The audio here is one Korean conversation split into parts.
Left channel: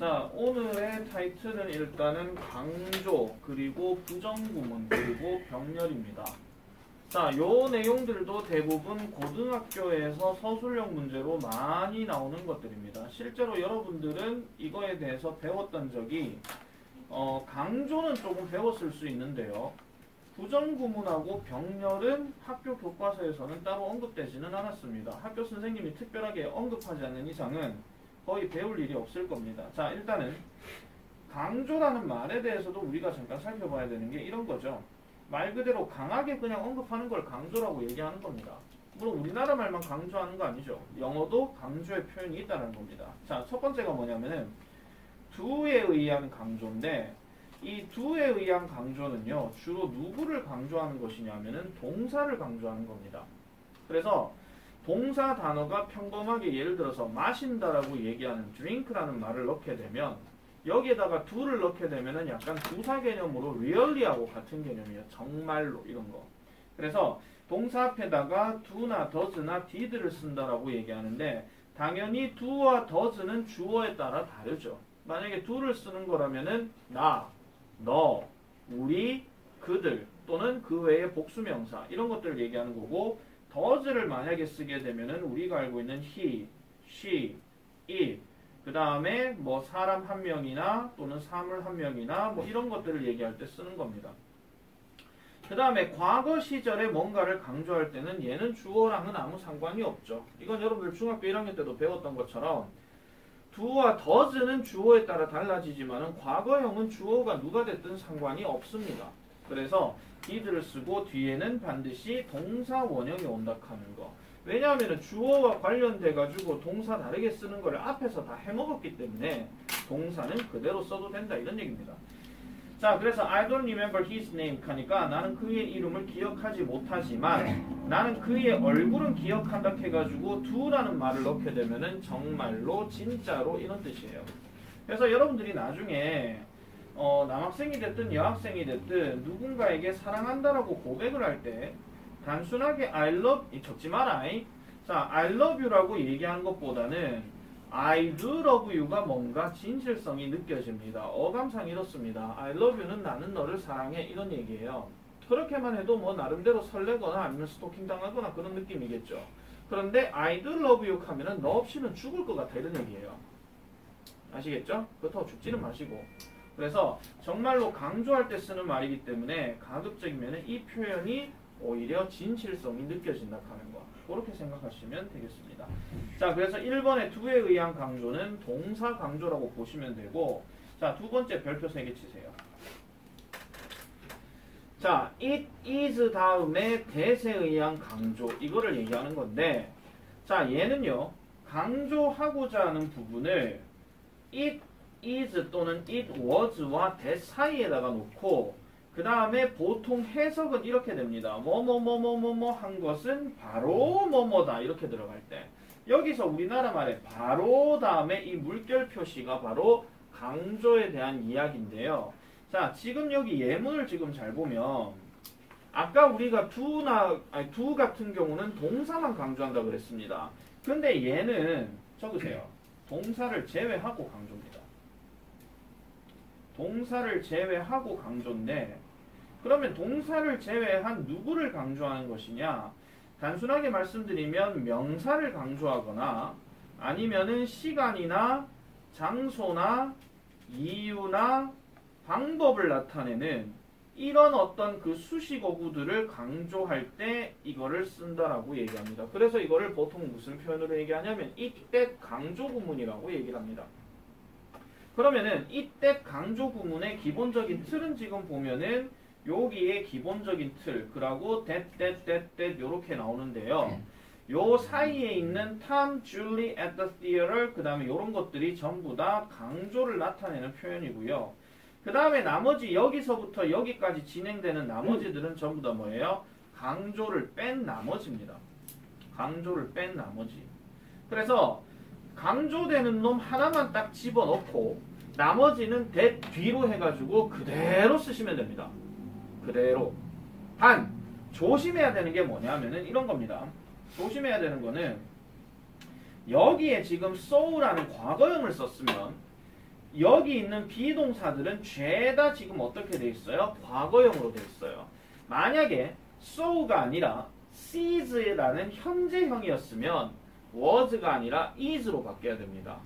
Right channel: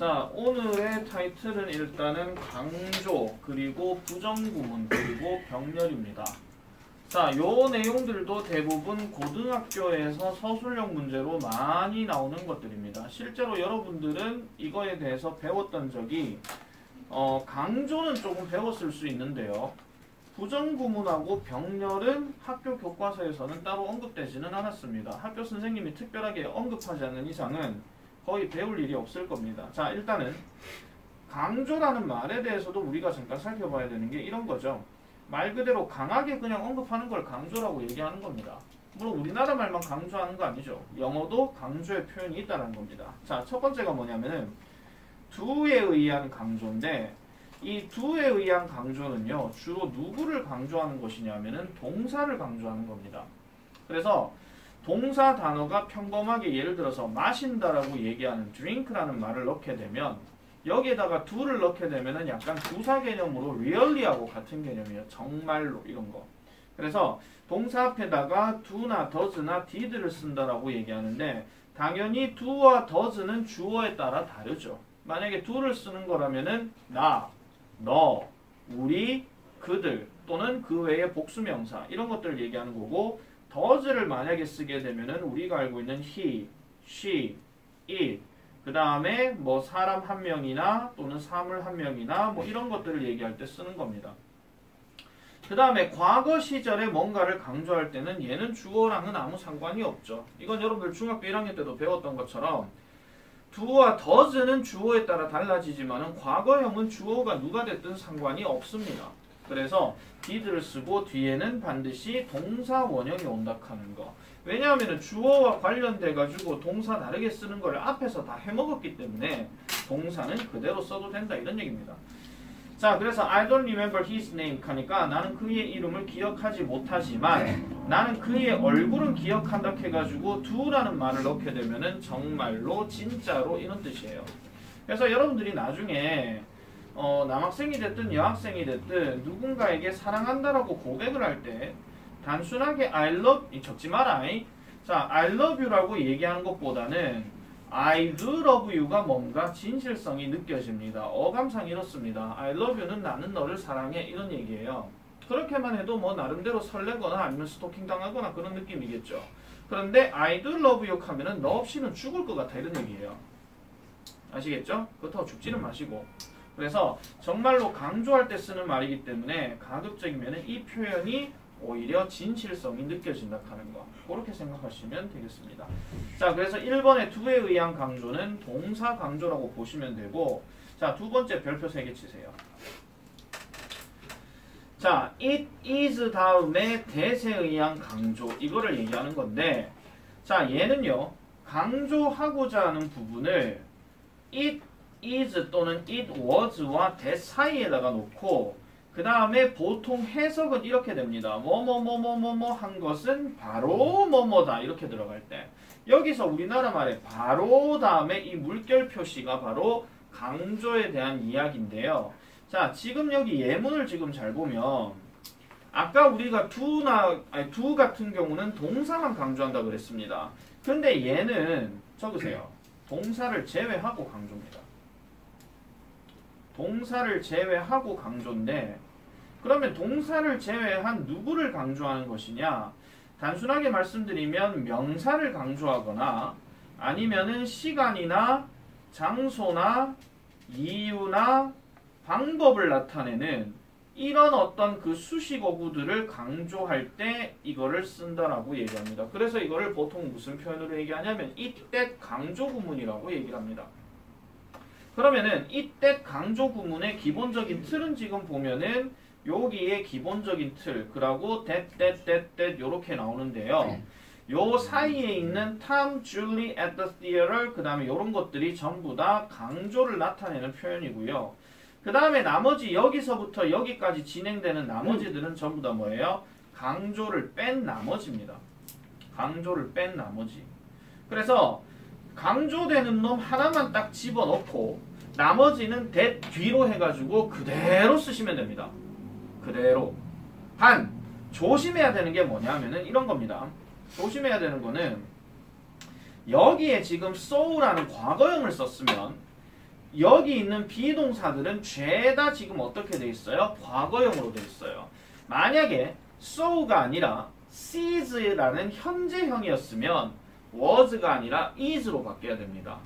자, 오늘의 타이틀은 일단은 강조, 그리고 부정구문, 그리고 병렬입니다. 자, 요 내용들도 대부분 고등학교에서 서술형 문제로 많이 나오는 것들입니다. 실제로 여러분들은 이거에 대해서 배웠던 적이 강조는 조금 배웠을 수 있는데요. 부정구문하고 병렬은 학교 교과서에서는 따로 언급되지는 않았습니다. 학교 선생님이 특별하게 언급하지 않는 이상은 거의 배울 일이 없을 겁니다. 자, 일단은 강조라는 말에 대해서도 우리가 잠깐 살펴봐야 되는 게 이런 거죠. 말 그대로 강하게 그냥 언급하는 걸 강조라고 얘기하는 겁니다. 물론 우리나라 말만 강조하는 거 아니죠. 영어도 강조의 표현이 있다는 겁니다. 자, 첫 번째가 뭐냐면은 do에 의한 강조인데, 이 do에 의한 강조는요, 주로 누구를 강조하는 것이냐면은 동사를 강조하는 겁니다. 그래서 동사 단어가 평범하게 예를 들어서 마신다라고 얘기하는 drink라는 말을 넣게 되면 여기에다가 do를 넣게 되면은 약간 부사 개념으로 really하고 같은 개념이에요. 정말로 이런 거. 그래서 동사 앞에다가 do나 does나 did를 쓴다라고 얘기하는데, 당연히 do와 does는 주어에 따라 다르죠. 만약에 do를 쓰는 거라면은 나, 너, 우리, 그들 또는 그 외의 복수명사 이런 것들을 얘기하는 거고, does를 만약에 쓰게 되면은 우리가 알고 있는 he, she, it, 그 다음에 뭐 사람 한 명이나 또는 사물 한 명이나 뭐 이런 것들을 얘기할 때 쓰는 겁니다. 그 다음에 과거 시절에 뭔가를 강조할 때는 얘는 주어랑은 아무 상관이 없죠. 이건 여러분들 중학교 1학년 때도 배웠던 것처럼 do와 does는 주어에 따라 달라지지만은 과거형은 주어가 누가 됐든 상관이 없습니다. 그래서 did를 쓰고 뒤에는 반드시 동사 원형이 온다 하는 거. 왜냐하면 주어와 관련돼 가지고 동사 다르게 쓰는 걸 앞에서 다 해먹었기 때문에 동사는 그대로 써도 된다 이런 얘기입니다. 자, 그래서 I don't remember his name 하니까 나는 그의 이름을 기억하지 못하지만 나는 그의 얼굴은 기억한다 해가지고 do라는 말을 넣게 되면은 정말로 진짜로 이런 뜻이에요. 그래서 여러분들이 나중에 남학생이 됐든 여학생이 됐든 누군가에게 사랑한다라고 고백을 할 때 단순하게 I love, 적지 마라. 자, I love you라고 얘기하는 것보다는 I do love you가 뭔가 진실성이 느껴집니다. 어감상 이렇습니다. I love you는 나는 너를 사랑해 이런 얘기예요. 그렇게만 해도 뭐 나름대로 설레거나 아니면 스토킹 당하거나 그런 느낌이겠죠. 그런데 I do love you 하면은 너 없이는 죽을 것 같아 이런 얘기예요. 아시겠죠? 그렇다고 죽지는 마시고. 그래서 정말로 강조할 때 쓰는 말이기 때문에 가급적이면 이 표현이 오히려 진실성이 느껴진다 하는 거. 그렇게 생각하시면 되겠습니다. 자, 그래서 1번의 do에 의한 강조는 동사 강조라고 보시면 되고, 자, 두 번째 별표 3개 치세요. 자, it is 다음에 that에 의한 강조, 이거를 얘기하는 건데, 자, 얘는요, 강조하고자 하는 부분을 it is 또는 it was와 that 사이에다가 놓고 그 다음에 보통 해석은 이렇게 됩니다. 뭐뭐뭐뭐뭐뭐 한 것은 바로 뭐뭐다 이렇게 들어갈 때 여기서 우리나라 말에 바로 다음에 이 물결 표시가 바로 강조에 대한 이야기인데요. 자, 지금 여기 예문을 지금 잘 보면 아까 우리가 do 같은 경우는 동사만 강조한다고 그랬습니다. 근데 얘는 적으세요. 동사를 제외하고 강조입니다. 동사를 제외하고 강조인데, 그러면 동사를 제외한 누구를 강조하는 것이냐? 단순하게 말씀드리면 명사를 강조하거나 아니면은 시간이나 장소나 이유나 방법을 나타내는 이런 어떤 그 수식어구들을 강조할 때 이거를 쓴다라고 얘기합니다. 그래서 이거를 보통 무슨 표현으로 얘기하냐면 이때 강조 구문이라고 얘기를 합니다. 그러면은 이때 강조 구문의 기본적인 틀은 지금 보면은 여기에 기본적인 틀, 그리고 that 요렇게 나오는데요. 요 사이에 있는 Tom, Julie at the theater, 그 다음에 요런 것들이 전부 다 강조를 나타내는 표현이고요. 그 다음에 나머지 여기서부터 여기까지 진행되는 나머지들은 전부 다 뭐예요? 강조를 뺀 나머지입니다. 강조를 뺀 나머지. 그래서 강조되는 놈 하나만 딱 집어넣고 나머지는 that 뒤로 해가지고 그대로 쓰시면 됩니다. 그대로. 단 조심해야 되는 게 뭐냐 하면은 이런 겁니다. 조심해야 되는 거는 여기에 지금 so라는 과거형을 썼으면 여기 있는 비동사들은 죄다 지금 어떻게 돼 있어요? 과거형으로 돼 있어요. 만약에 so가 아니라 sees라는 현재형이었으면 was가 아니라 is로 바뀌어야 됩니다.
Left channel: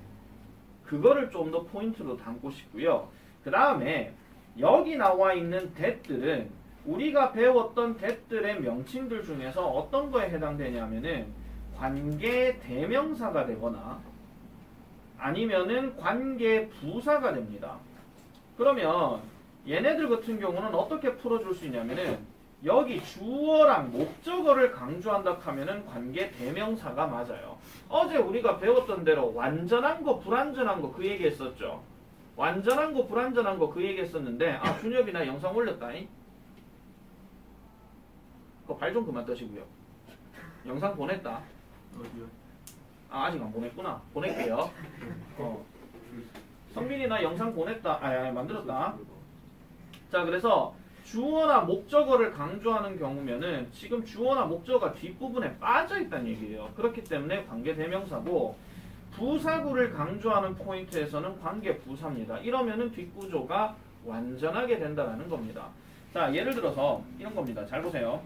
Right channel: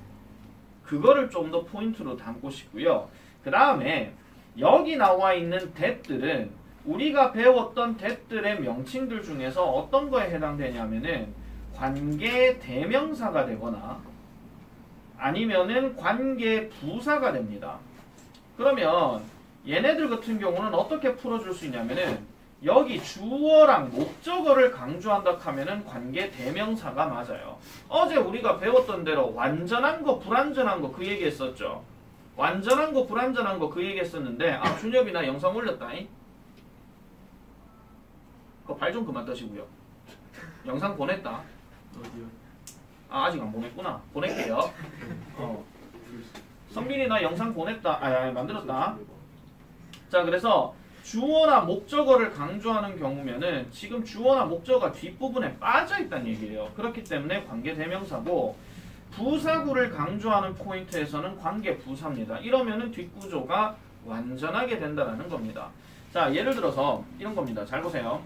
그거를 좀 더 포인트로 담고 싶고요. 그 다음에 여기 나와 있는 that들은 우리가 배웠던 that들의 명칭들 중에서 어떤 거에 해당되냐면은 관계 대명사가 되거나 아니면은 관계 부사가 됩니다. 그러면 얘네들 같은 경우는 어떻게 풀어줄 수 있냐면은 여기 주어랑 목적어를 강조한다 하면은 관계 대명사가 맞아요. 어제 우리가 배웠던 대로 완전한 거 불완전한 거 그 얘기했었죠. 완전한 거 불완전한 거 그 얘기했었는데 아 준엽이 나 영상 올렸다잉. 그거 발 좀 그만 떠시고요. 영상 보냈다. 어디요? 아 아직 안 보냈구나. 보낼게요. 성민이 나 영상 보냈다. 만들었다. 자 그래서 주어나 목적어를 강조하는 경우면은 지금 주어나 목적어가 뒷부분에 빠져 있다는 얘기예요. 그렇기 때문에 관계 대명사고 부사구를 강조하는 포인트에서는 관계 부사입니다. 이러면은 뒷구조가 완전하게 된다는 겁니다. 자 예를 들어서 이런 겁니다. 잘 보세요.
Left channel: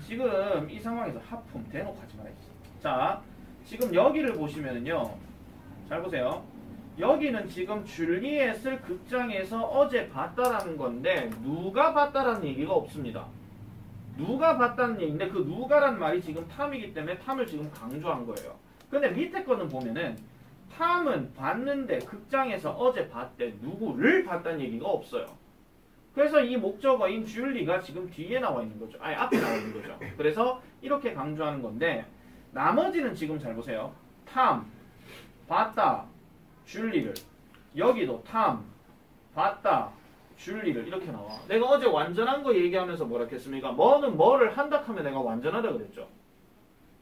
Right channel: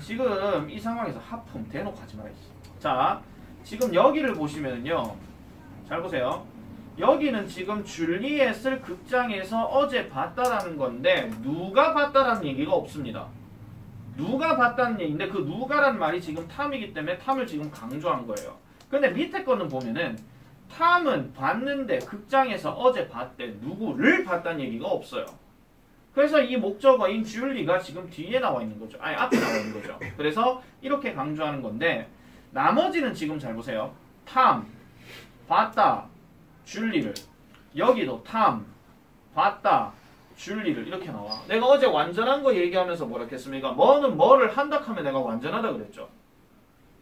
지금 이 상황에서 하품 대놓고 하지 말아야지. 자 지금 여기를 보시면은요. 잘 보세요. 여기는 지금 줄리엣을 극장에서 어제 봤다라는 건데 누가 봤다라는 얘기가 없습니다. 누가 봤다는 얘기인데 그 누가란 말이 지금 탐이기 때문에 탐을 지금 강조한 거예요. 근데 밑에 거는 보면은 탐은 봤는데 극장에서 어제 봤대 누구를 봤다는 얘기가 없어요. 그래서 이 목적어인 줄리가 지금 뒤에 나와 있는 거죠. 아니 앞에 나와 있는 거죠. 그래서 이렇게 강조하는 건데 나머지는 지금 잘 보세요. 탐, 봤다, 줄리를 여기도 탐, 봤다, 줄리를 이렇게 나와. 내가 어제 완전한 거 얘기하면서 뭐라 했습니까? 뭐는 뭐를 한다 하면 내가 완전하다 그랬죠.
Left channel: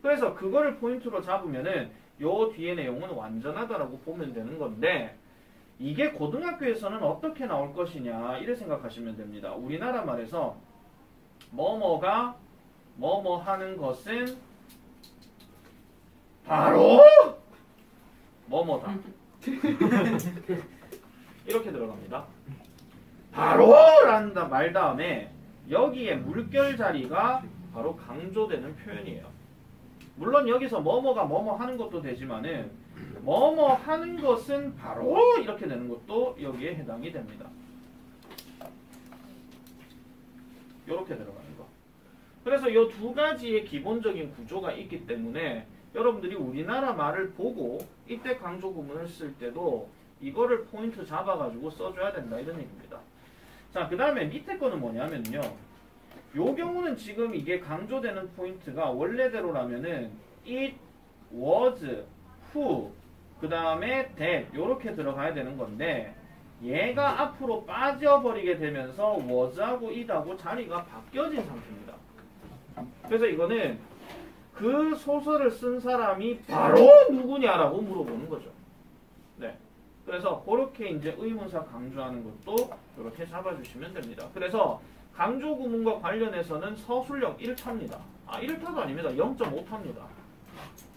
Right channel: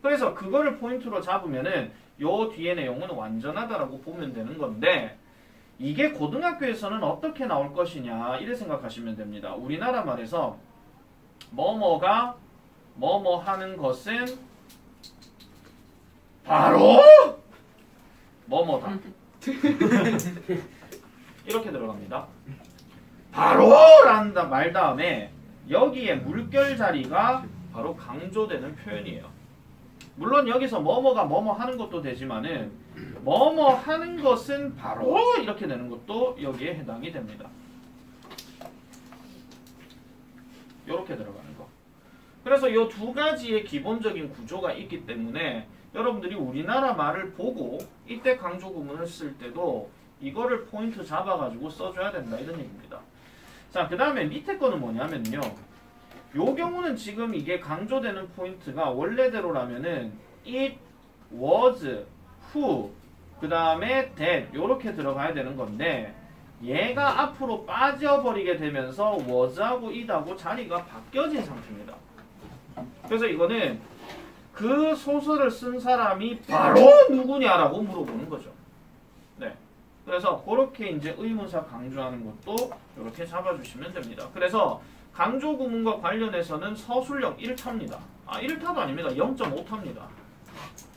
그래서 그거를 포인트로 잡으면은 요 뒤에 내용은 완전하다라고 보면 되는 건데 이게 고등학교에서는 어떻게 나올 것이냐 이래 생각하시면 됩니다. 우리나라 말에서 뭐뭐가 뭐뭐 하는 것은 바로 뭐뭐다. 이렇게 들어갑니다. 바로라는 말 다음에 여기에 물결 자리가 바로 강조되는 표현이에요. 물론 여기서 뭐뭐가 뭐뭐 하는 것도 되지만은 뭐뭐 하는 것은 바로 이렇게 되는 것도 여기에 해당이 됩니다. 이렇게 들어가는 거. 그래서 이 두 가지의 기본적인 구조가 있기 때문에 여러분들이 우리나라 말을 보고 이때 강조 구문을 쓸 때도 이거를 포인트 잡아가지고 써줘야 된다 이런 얘기입니다. 자, 그 다음에 밑에 거는 뭐냐면요. 요 경우는 지금 이게 강조되는 포인트가 원래대로라면은 it, was, who, 그 다음에 that 요렇게 들어가야 되는 건데 얘가 앞으로 빠져버리게 되면서 was하고 it하고 자리가 바뀌어진 상태입니다. 그래서 이거는 그 소설을 쓴 사람이 바로 누구냐라고 물어보는 거죠. 네. 그래서 그렇게 이제 의문사 강조하는 것도 이렇게 잡아주시면 됩니다. 그래서 강조 구문과 관련해서는 서술형 1타입니다. 1타도 아닙니다. 0.5타입니다.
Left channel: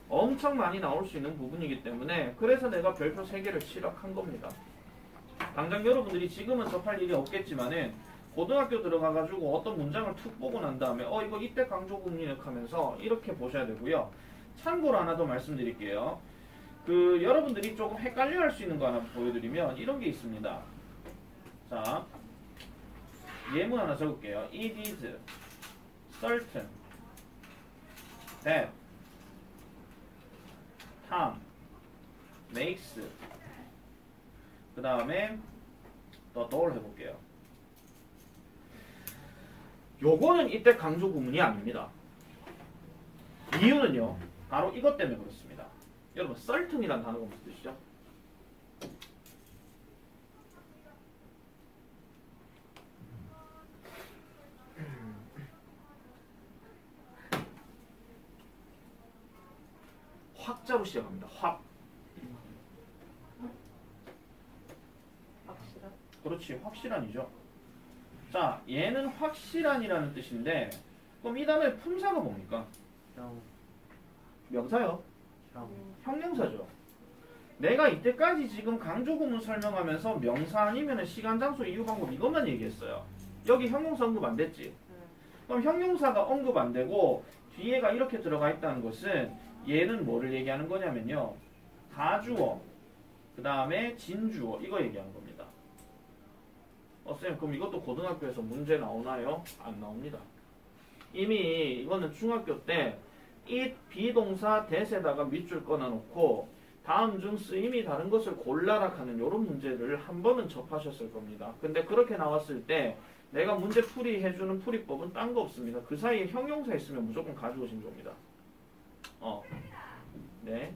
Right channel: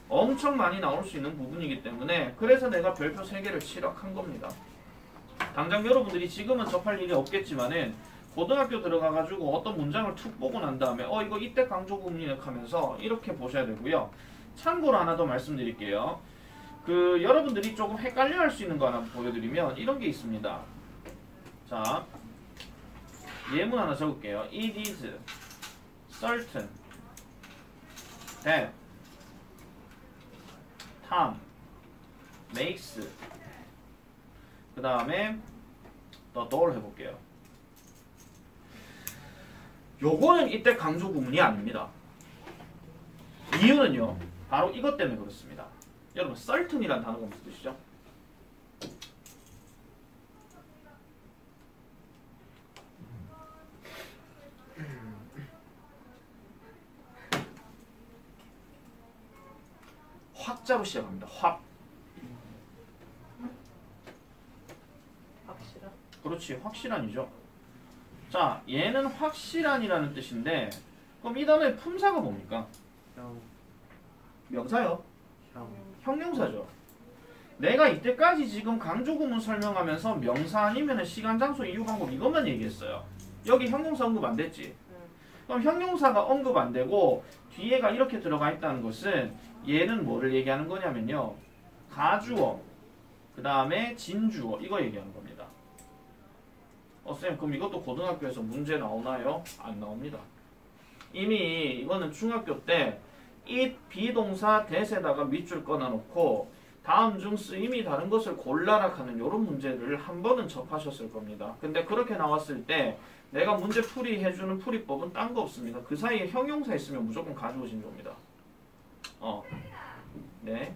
엄청 많이 나올 수 있는 부분이기 때문에 그래서 내가 별표 3개를 칠학한 겁니다. 당장 여러분들이 지금은 접할 일이 없겠지만은 고등학교 들어가가지고 어떤 문장을 툭 보고 난 다음에 이거 이때 강조 구문이네 하면서 이렇게 보셔야 되고요. 참고로 하나 더 말씀드릴게요. 여러분들이 조금 헷갈려 할 수 있는 거 하나 보여드리면 이런 게 있습니다. 자, 예문 하나 적을게요. It is certain that Tom makes 그 다음에 the door 해볼게요. 요거는 이때 강조 구문이 아닙니다. 이유는요. 바로 이것 때문에 그렇습니다. 여러분 certain이라는 단어가 무슨 뜻이죠? 확자로 시작합니다. 확. 확실한? 그렇지. 확실한이죠. 자, 얘는 확실한이라는 뜻인데 그럼 이 단어의 품사가 뭡니까? 명사요. 형용사죠. 내가 이때까지 지금 강조구문 설명하면서 명사 아니면 시간, 장소, 이유, 방법 이것만 얘기했어요. 여기 형용사 언급 안 됐지? 그럼 형용사가 언급 안 되고 뒤에가 이렇게 들어가 있다는 것은 얘는 뭐를 얘기하는 거냐면요. 가주어, 그 다음에 진주어 이거 얘기하는 겁니다. 쌤 그럼 이것도 고등학교에서 문제 나오나요? 안 나옵니다. 이미 이거는 중학교 때 it 비동사 대세다가 밑줄 꺼놔놓고 다음 중 쓰임이 다른 것을 골라라 하는 이런 문제를 한 번은 접하셨을 겁니다. 근데 그렇게 나왔을 때 내가 문제 풀이해주는 풀이법은 딴 거 없습니다. 그 사이에 형용사 있으면 무조건 가져오신 겁니다. 네.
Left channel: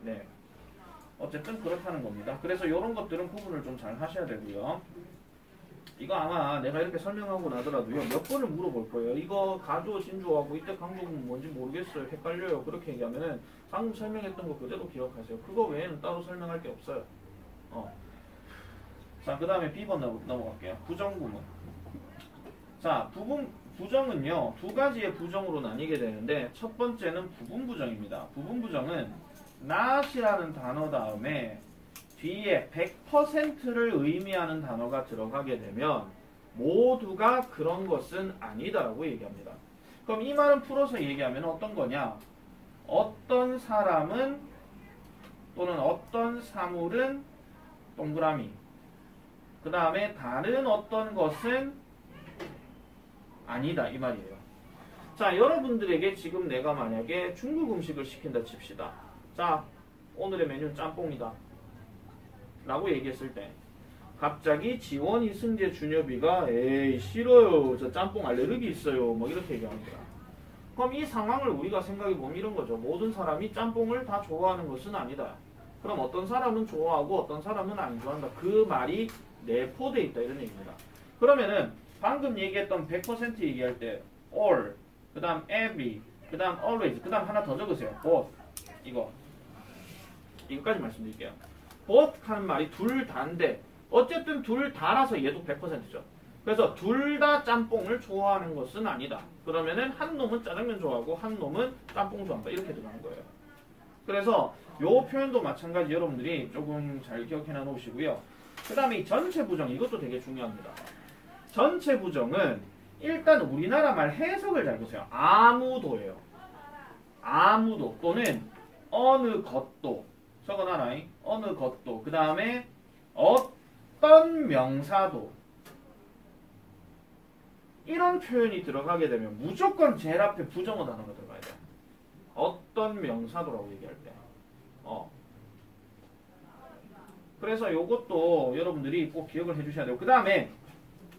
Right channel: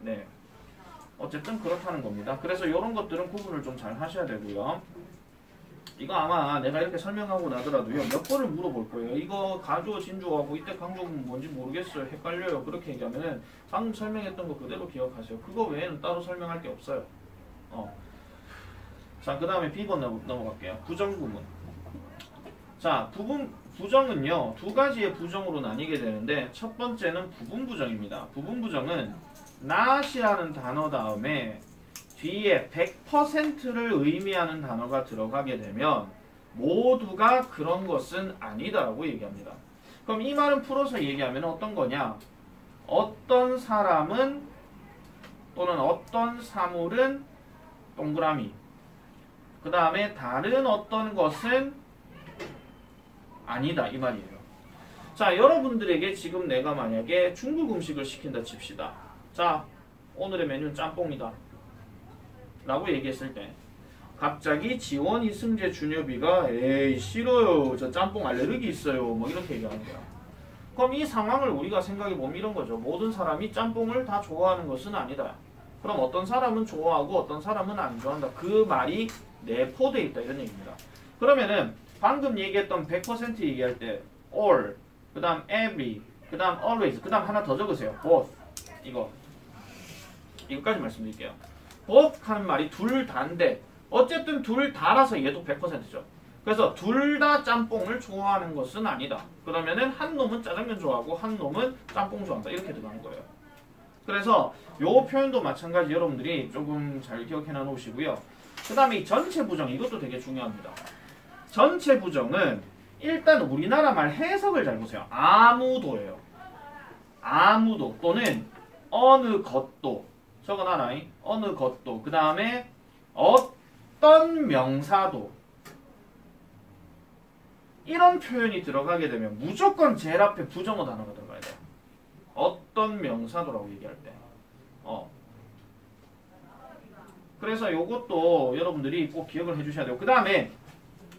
네. 어쨌든 그렇다는 겁니다. 그래서 이런 것들은 구분을 좀 잘 하셔야 되고요. 이거 아마 내가 이렇게 설명하고 나더라도요. 몇 번을 물어볼 거예요. 이거 가주어 진주어하고 이때 강조구문 뭔지 모르겠어요. 헷갈려요. 그렇게 얘기하면은 방금 설명했던 거 그대로 기억하세요. 그거 외에는 따로 설명할 게 없어요. 자, 그 다음에 B번 넘어갈게요. 부정구문. 자, 부정은요. 두 가지의 부정으로 나뉘게 되는데 첫 번째는 부분부정입니다. 부분부정은 not이라는 단어 다음에 뒤에 100%를 의미하는 단어가 들어가게 되면 모두가 그런 것은 아니다라고 얘기합니다. 그럼 이 말은 풀어서 얘기하면 어떤 거냐? 어떤 사람은 또는 어떤 사물은 동그라미, 그 다음에 다른 어떤 것은 아니다 이 말이에요. 자, 여러분들에게 지금 내가 만약에 중국 음식을 시킨다 칩시다. 자, 오늘의 메뉴는 짬뽕이다 라고 얘기했을 때 갑자기 지원, 이승재, 준엽이가 에이 싫어요, 저 짬뽕 알레르기 있어요, 뭐 이렇게 얘기하는 거야. 그럼 이 상황을 우리가 생각해보면 이런 거죠. 모든 사람이 짬뽕을 다 좋아하는 것은 아니다. 그럼 어떤 사람은 좋아하고 어떤 사람은 안 좋아한다. 그 말이 내포되어 있다 이런 얘기입니다. 그러면은 방금 얘기했던 100% 얘기할 때 all, 그 다음 every, 그 다음 always, 그 다음 하나 더 적으세요. both. 이거까지 말씀드릴게요. both 하는 말이 둘 다인데 어쨌든 둘 다라서 얘도 100%죠. 그래서 둘 다 짬뽕을 좋아하는 것은 아니다. 그러면은 한 놈은 짜장면 좋아하고 한 놈은 짬뽕 좋아한다. 이렇게 들어가는 거예요. 그래서 요 표현도 마찬가지 여러분들이 조금 잘 기억해 놓으시고요. 그 다음에 이 전체 부정 이것도 되게 중요합니다. 전체 부정은 일단 우리나라 말 해석을 잘 보세요. 아무도예요. 아무도 또는 어느 것도 적어놔라. 어느 것도 그 다음에 어떤 명사도 이런 표현이 들어가게 되면 무조건 제일 앞에 부정어 단어가 들어가야 돼요. 어떤 명사도라고 얘기할 때. 그래서 요것도 여러분들이 꼭 기억을 해주셔야 돼요. 그 다음에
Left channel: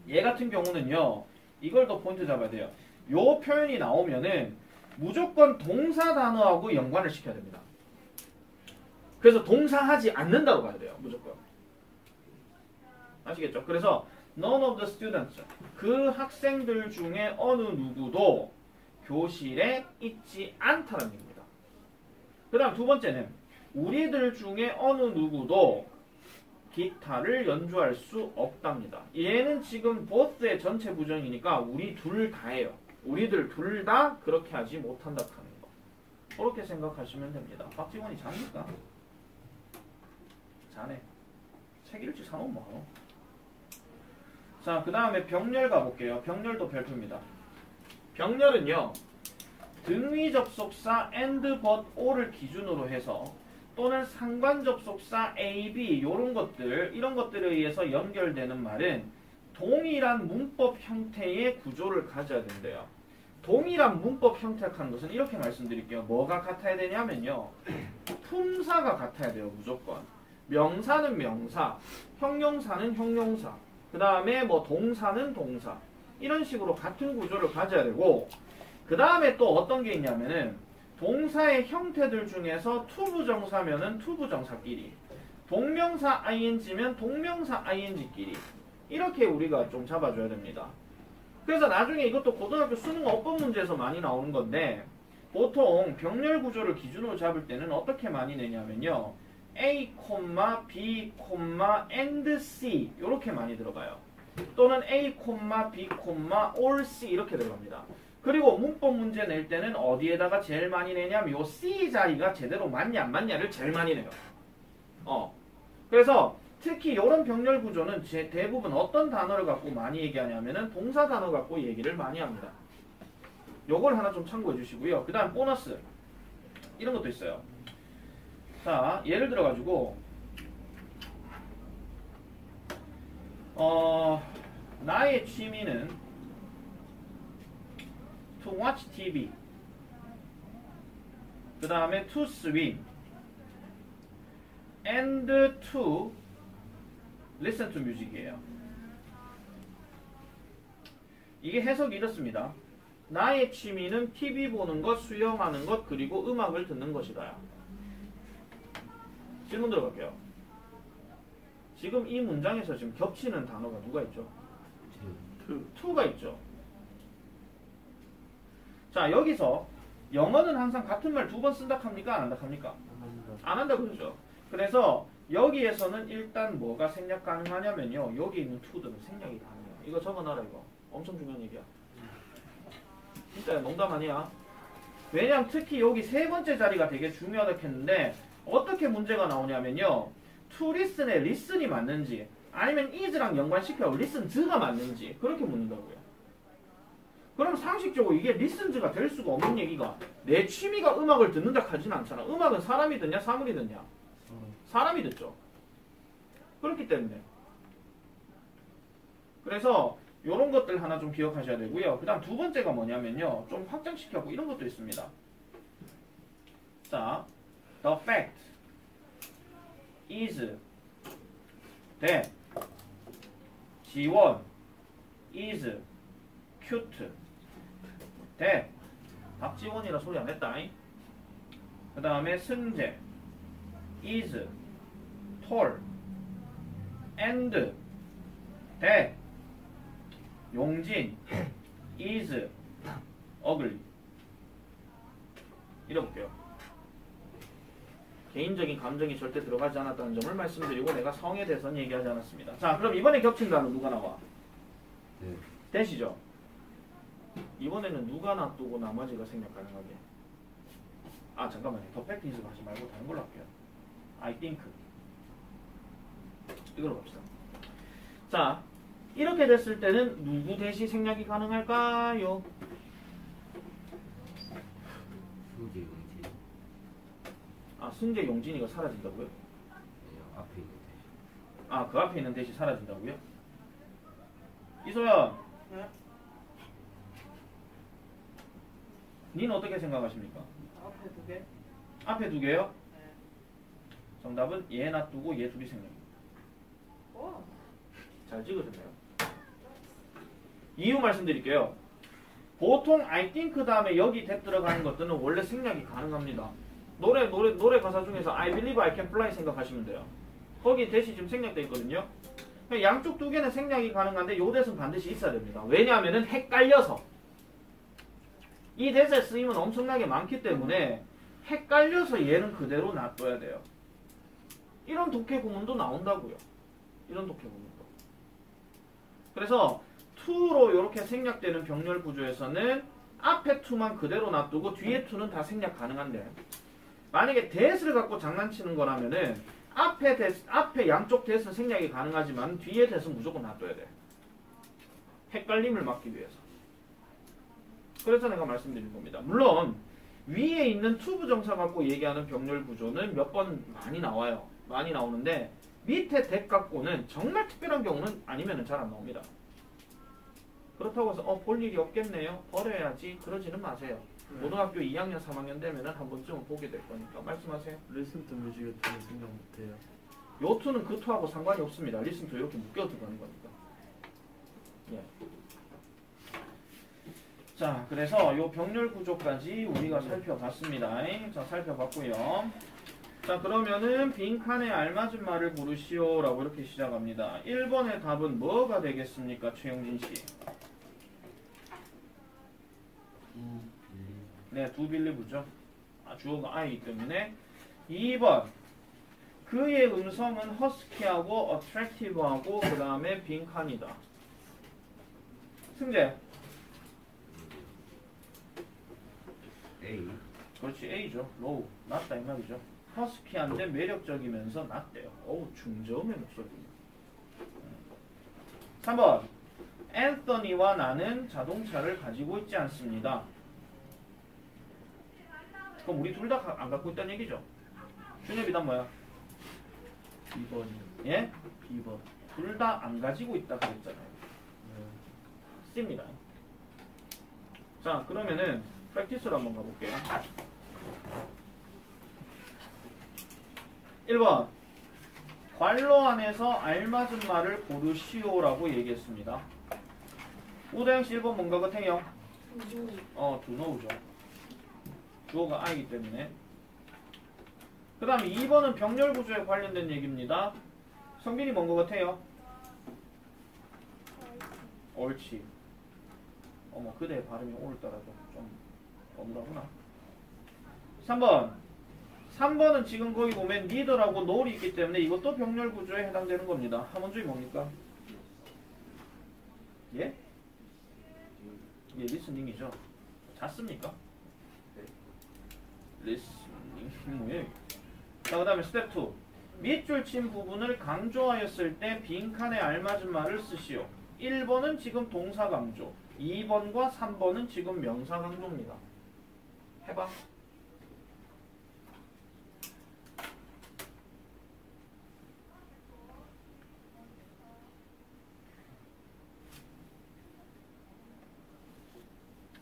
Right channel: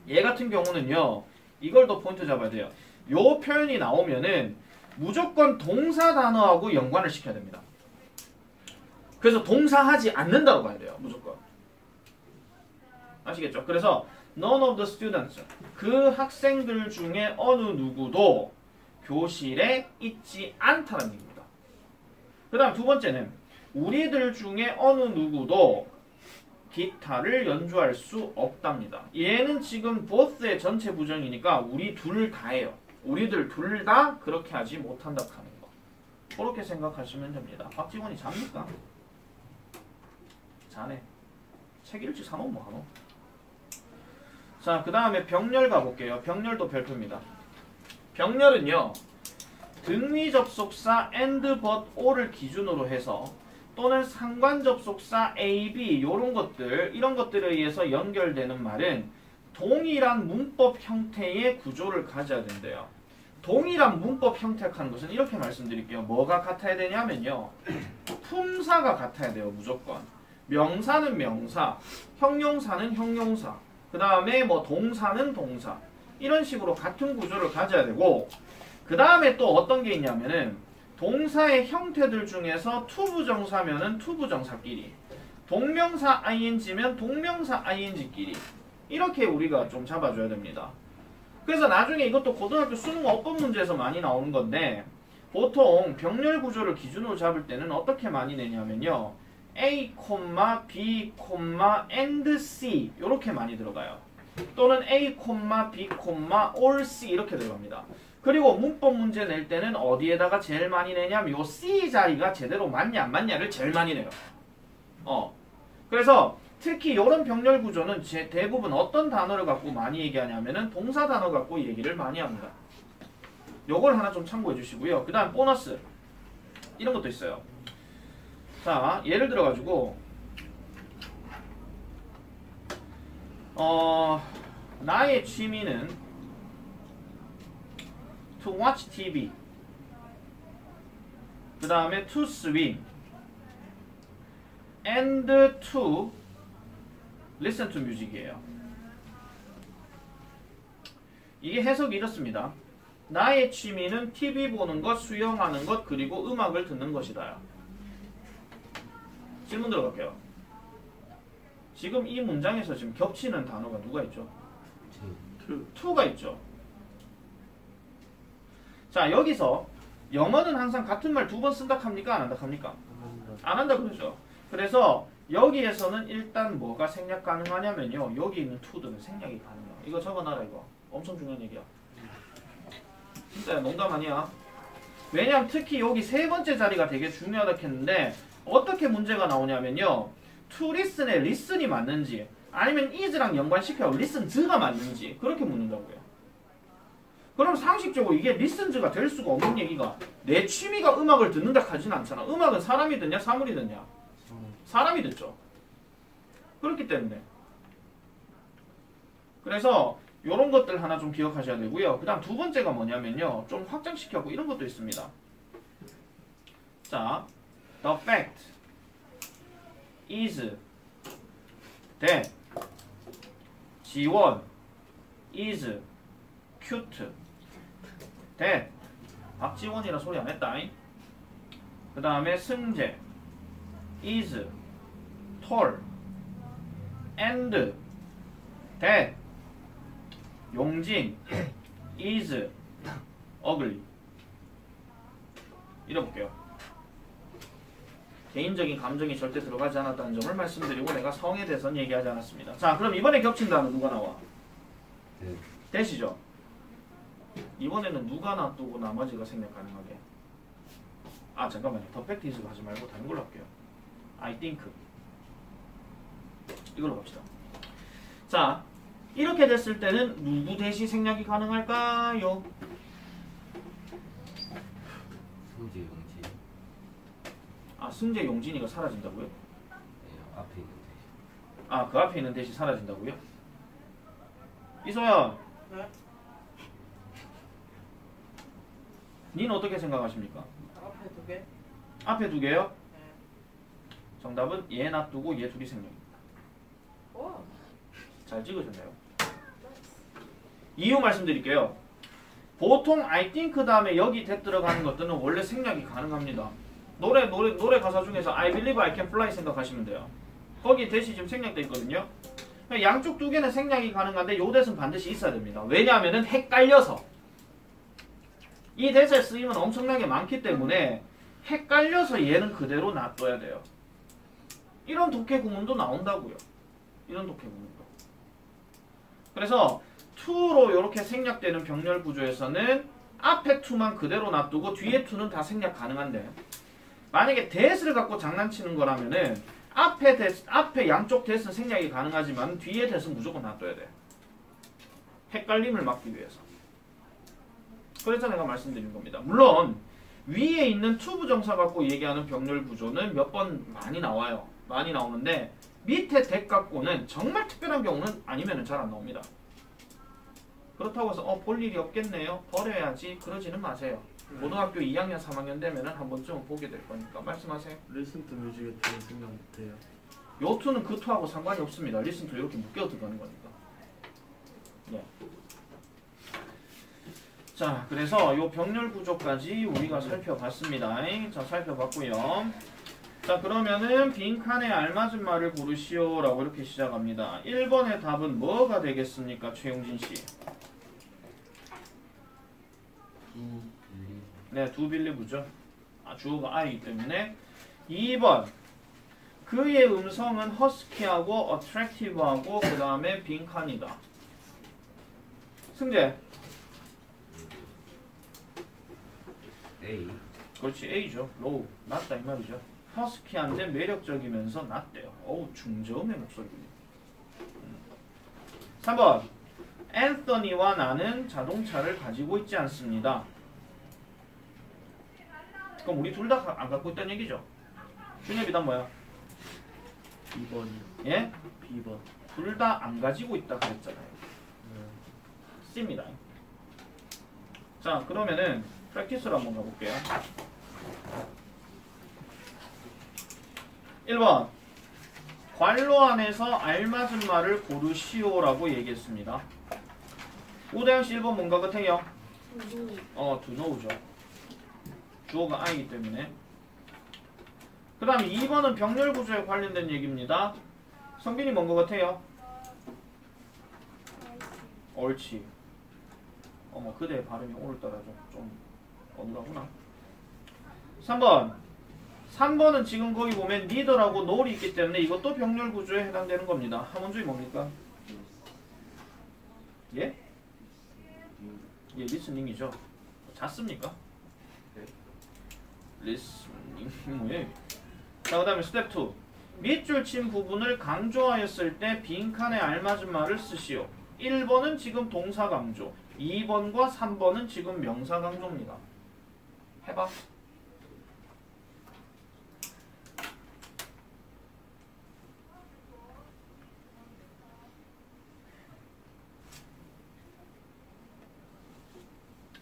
얘 같은 경우는요. 이걸 더 포인트 잡아야 돼요. 요 표현이 나오면은 무조건 동사 단어하고 연관을 시켜야 됩니다. 그래서 동사하지 않는다고 봐야 돼요. 무조건. 아시겠죠? 그래서 none of the students 그 학생들 중에 어느 누구도 교실에 있지 않다는 얘기입니다. 그 다음 두 번째는 우리들 중에 어느 누구도 기타를 연주할 수 없답니다. 얘는 지금 both의 전체 부정이니까 우리 둘 다예요. 우리들 둘 다 그렇게 하지 못한다 하는 거. 그렇게 생각하시면 됩니다. 박지원이 잡니까? 자네. 책 읽지 사놓은 뭐 하노? 자, 그 다음에 병렬 가볼게요. 병렬도 별표입니다. 병렬은요. 등위 접속사 and, but, or를 기준으로 해서 또는 상관 접속사 A, B 이런 것들 이런 것들에 의해서 연결되는 말은 동일한 문법 형태의 구조를 가져야 된대요. 동일한 문법 형태를 하는 것은 이렇게 말씀드릴게요. 뭐가 같아야 되냐면요. 품사가 같아야 돼요. 무조건. 명사는 명사, 형용사는 형용사, 그 다음에 뭐 동사는 동사 이런 식으로 같은 구조를 가져야 되고 그 다음에 또 어떤 게 있냐면은 동사의 형태들 중에서 투부정사면은 투부정사끼리 동명사 ing면 동명사 ing끼리 이렇게 우리가 좀 잡아줘야 됩니다. 그래서 나중에 이것도 고등학교 수능 어법 문제에서 많이 나오는 건데 보통 병렬 구조를 기준으로 잡을 때는 어떻게 많이 내냐면요. A, B, and C 이렇게 많이 들어가요. 또는 A, B, all C 이렇게 들어갑니다. 그리고 문법 문제 낼 때는 어디에다가 제일 많이 내냐면 요 C 자리가 제대로 맞냐 안 맞냐를 제일 많이 내요. 그래서 특히 이런 병렬 구조는 대부분 어떤 단어를 갖고 많이 얘기하냐면은 동사 단어 갖고 얘기를 많이 합니다. 요걸 하나 좀 참고해 주시고요. 그 다음 보너스 이런 것도 있어요. 자, 예를 들어 가지고 나의 취미는 to watch TV, 그 다음에 to swim and to listen to music이에요. 이게 해석이 이렇습니다. 나의 취미는 TV 보는 것, 수영하는 것, 그리고 음악을 듣는 것이다. 질문 들어갈게요. 지금 이 문장에서 지금 겹치는 단어가 누가 있죠? to가 있죠. 자, 여기서 영어는 항상 같은 말 두 번 쓴다 합니까? 안 한다 합니까? 안 한다 그러죠. 그래서 여기에서는 일단 뭐가 생략 가능하냐면요. 여기 있는 to들은 생략이 가능해요. 이거 적어놔라 이거. 엄청 중요한 얘기야. 진짜 농담 아니야. 왜냐면 특히 여기 세 번째 자리가 되게 중요하다 했는데 어떻게 문제가 나오냐면요. to listen의 listen이 맞는지 아니면 is랑 연관시켜 listen to가 맞는지 그렇게 묻는다고요. 그럼 상식적으로 이게 listen to가 될 수가 없는 얘기가 내 취미가 음악을 듣는다 하진 않잖아. 음악은 사람이 듣냐 사물이 듣냐? 사람이 듣죠. 그렇기 때문에 그래서 요런 것들 하나 좀 기억하셔야 되고요. 그 다음 두 번째가 뭐냐면요. 좀 확장시켜고 이런 것도 있습니다. 자, the fact is that 지원 is cute that 박지원이라 소리 안 했다. 그 다음에 승재 is tall and that 용진 is ugly. 읽어볼게요. 개인적인 감정이 절대 들어가지 않았다는 점을 말씀드리고 내가 성에 대해서는 얘기하지 않았습니다. 자, 그럼 이번에 겹친 단어 누가 나와? 대시죠. 이번에는 누가 놔두고 나머지가 생략 가능하게. 아 잠깐만요. 더 팩트 이즈 하지 말고 다른 걸로 할게요. I think. 이걸로 갑시다. 자, 이렇게 됐을 때는 누구 대시 생략이 가능할까요? 승재 용진. 아, 승재 용진이가 사라진다고요? 네, 앞에 있는 대시. 아, 그 앞에 있는 대시 사라진다고요? 이소연. 네? 니는 어떻게 생각하십니까? 앞에 두 개? 앞에 두 개요? 네. 정답은 얘 놔두고 얘 둘이 생략. 오. 잘 찍으셨네요. 이유 말씀드릴게요. 보통 I think 다음에 여기 대 들어가는 것들은 원래 생략이 가능합니다. 노래 가사 중에서 I believe I can fly 생각하시면 돼요. 거기 대시 지금 생략돼 있거든요. 양쪽 두 개는 생략이 가능한데 요 대는 반드시 있어야 됩니다. 왜냐하면은 헷갈려서 이 대사의 쓰임은 엄청나게 많기 때문에 헷갈려서 얘는 그대로 놔둬야 돼요. 이런 독해 구문도 나온다고요. 이런 독해 구문도. 그래서 to로 이렇게 생략되는 병렬 구조에서는 앞에 to만 그대로 놔두고 뒤에 to는 다 생략 가능한데 만약에 that을 갖고 장난치는 거라면은 앞에 양쪽 that은 생략이 가능하지만 뒤에 that은 무조건 놔둬야 돼요. 헷갈림을 막기 위해서. 그래서 내가 말씀드린 겁니다. 물론 위에 있는 to 부정사 갖고 얘기하는 병렬 구조는 몇 번 많이 나와요. 많이 나오는데 밑에 that 갖고는 정말 특별한 경우는 아니면 잘 안 나옵니다. 그렇다고 해서 볼 일이 없겠네요. 버려야지. 그러지는 마세요. 고등학교 2학년, 3학년 되면은 한 번쯤은 보게 될 거니까 말씀하세요. 리슨 투 뮤직에 대해 생각 못해요. 요 투는 그 투하고 상관이 없습니다. 리슨 투 이렇게 묶여 들어가는 거니까. 예. 자, 그래서 요 병렬 구조까지 우리가 살펴봤습니다. 자, 살펴봤고요. 자, 그러면은 빈칸에 알맞은 말을 고르시오라고 이렇게 시작합니다. 1번의 답은 뭐가 되겠습니까, 최용진 씨? 네, 두 빌리브죠. 주어가 I이기 때문에. 2번. 그의 음성은 허스키하고 어트랙티브하고 그 다음에 빈칸이다. 승재. A. 그렇지 A죠. low 낮다 이 말이죠. 허스키한데 매력적이면서 낮대요. 어우 중저음의 목소리군요. 3번 앤서니와 나는 자동차를 가지고 있지 않습니다. 그럼 우리 둘 다 안 갖고 있다는 얘기죠. 준혁이단 뭐야? 2번. 예? 2번. 둘 다 안 가지고 있다 그랬잖아요. C입니다. 자 그러면은 프랙티스로 한번 가볼게요. 1번 괄호 안에서 알맞은 말을 고르시오라고 얘기했습니다. 우다영씨 1번 뭔가 같아요? to know죠. 주어가 I이기 때문에. 그 다음에 2번은 병렬 구조에 관련된 얘기입니다. 성빈이 뭔가 같아요? 옳지. 어머 그대 발음이 오늘따라 좀 어눌하구나. 3번은 지금 거기 보면 리더라고 노을이 있기 때문에 이것도 병렬 구조에 해당되는 겁니다. 함원주의 뭡니까? 예? 예, 리스닝이죠. 잤습니까? 리스닝 뭐예요? 자, 그 다음에 스텝 2. 밑줄 친 부분을 강조하였을 때 빈칸에 알맞은 말을 쓰시오. 1번은 지금 동사 강조, 2번과 3번은 지금 명사 강조입니다. 해봐.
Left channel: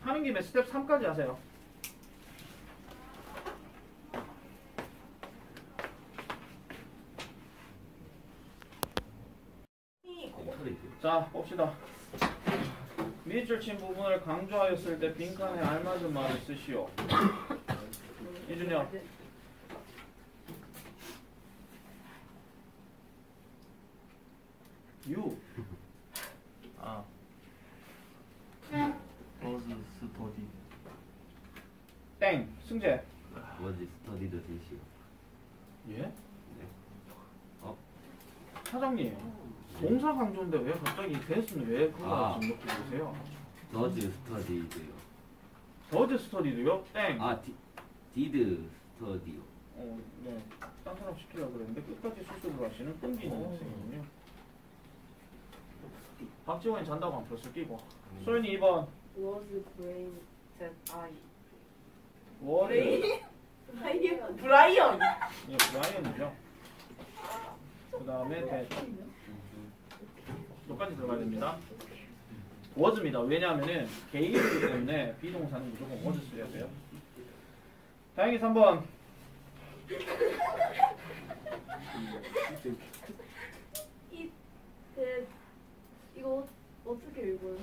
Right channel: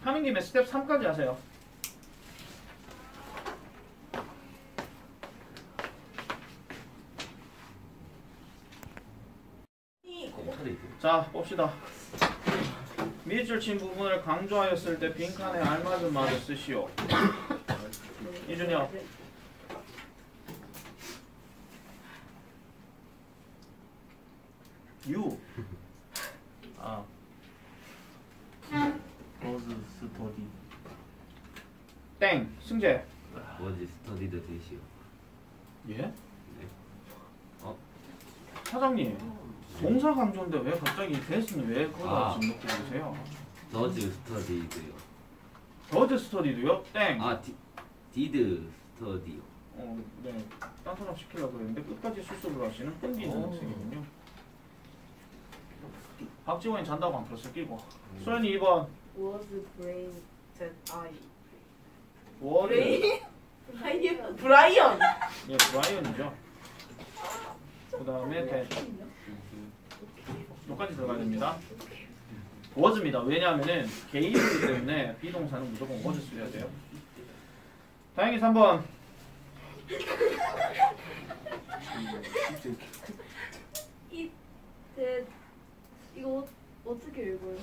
하는 김에 스텝 3까지 하세요. 자, 봅시다. 밑줄 친 부분을 강조하였을 때 빈칸에 알맞은 말을 쓰시오. 이준혁. 유. 아. was study. 땡. 승재. Was studied 되시오. 예? 네. 사장님. 동사 강조인데 왜 갑자기 대스는 왜 그거 지금 넣고 계세요? Was studied요. 더드 스터디도요? 땡. 아, did study요. 네. 딴 사람 시키려고 그랬는데 끝까지 수습을 하시는 끈기 있는 학생이군요. 박지원이 잔다고 안 폈어 끼고. 소연이 2번. Was brain that I. 월이. 브라이언. 예, 브라이언이죠. 그 다음에 여기까지 들어가야 됩니다. was입니다. 왜냐하면은 개입이기 때문에 비동사는 무조건 was 써야 돼요. 다행히 3번. 이거 어떻게 읽어요?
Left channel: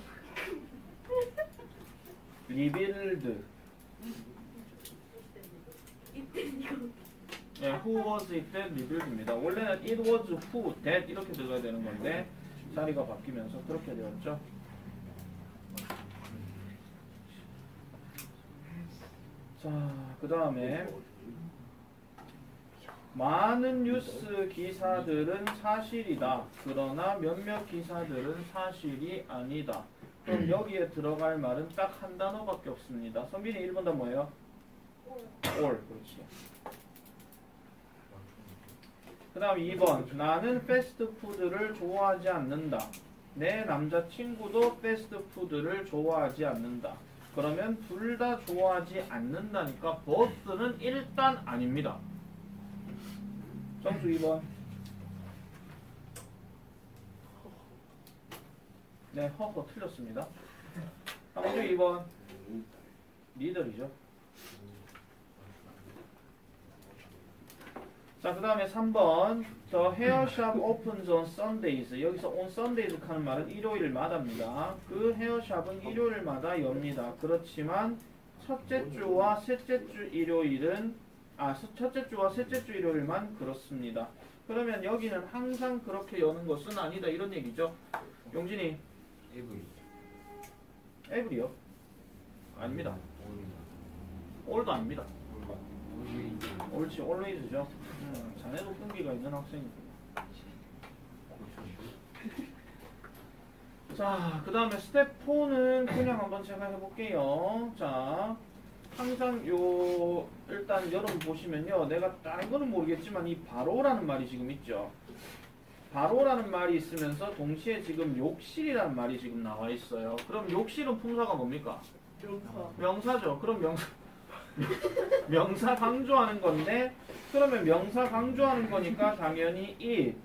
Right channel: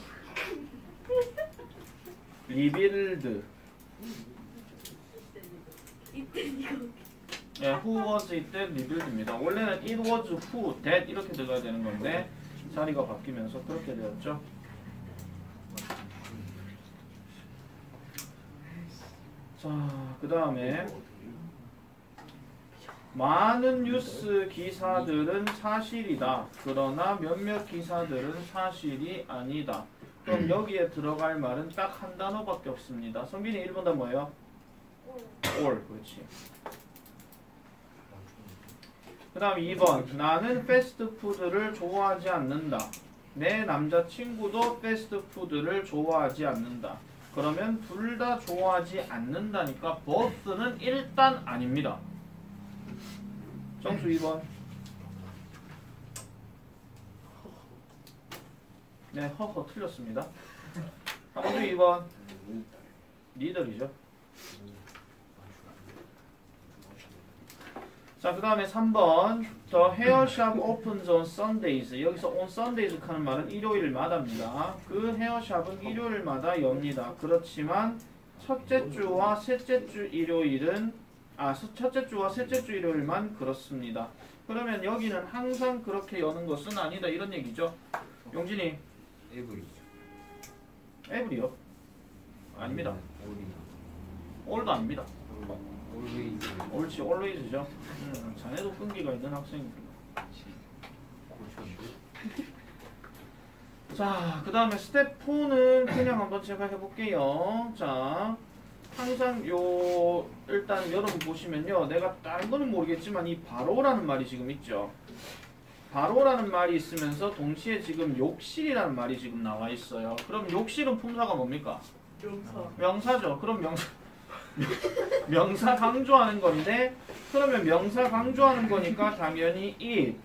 리빌드. 이때 이거. 예, who was 이때 리빌드입니다. 원래는 it was who, that 이렇게 들어가야 되는 건데 자리가 바뀌면서 그렇게 되었죠. 자, 그 다음에 많은 뉴스 기사들은 사실이다. 그러나 몇몇 기사들은 사실이 아니다. 그럼 여기에 들어갈 말은 딱 한 단어밖에 없습니다. 성빈이 1번 단 뭐예요? all. 그렇지. 그 다음 2번. 나는 패스트푸드를 좋아하지 않는다. 내 남자친구도 패스트푸드를 좋아하지 않는다. 그러면 둘 다 좋아하지 않는다니까 both는 일단 아닙니다. 정수 2번. 네, 허허 틀렸습니다. 함수 2번. 리더이죠. 자, 그 다음에 3번. The hair shop opens on Sundays. 여기서 on Sundays 하는 말은 일요일마다입니다. 그 헤어샵은 일요일마다 엽니다. 그렇지만 첫째 주와 셋째 주 일요일은 첫째 주와 셋째 주 일요일만 그렇습니다. 그러면 여기는 항상 그렇게 여는 것은 아니다 이런 얘기죠. 용진이 every요? 아닙니다. all도 아닙니다. 옳지, always죠. 자네도 끈기가 있는 학생입니다. 자, 그 다음에 스텝 4는 그냥 한번 제가 해볼게요. 자, 항상 일단 여러분 보시면요, 내가 다른 거는 모르겠지만 이 바로라는 말이 지금 있죠. 바로라는 말이 있으면서 동시에 지금 욕실이라는 말이 지금 나와 있어요. 그럼 욕실은 품사가 뭡니까? 명사. 명사죠. 그럼 명사 강조하는 건데, 그러면 명사 강조하는 거니까 당연히 it,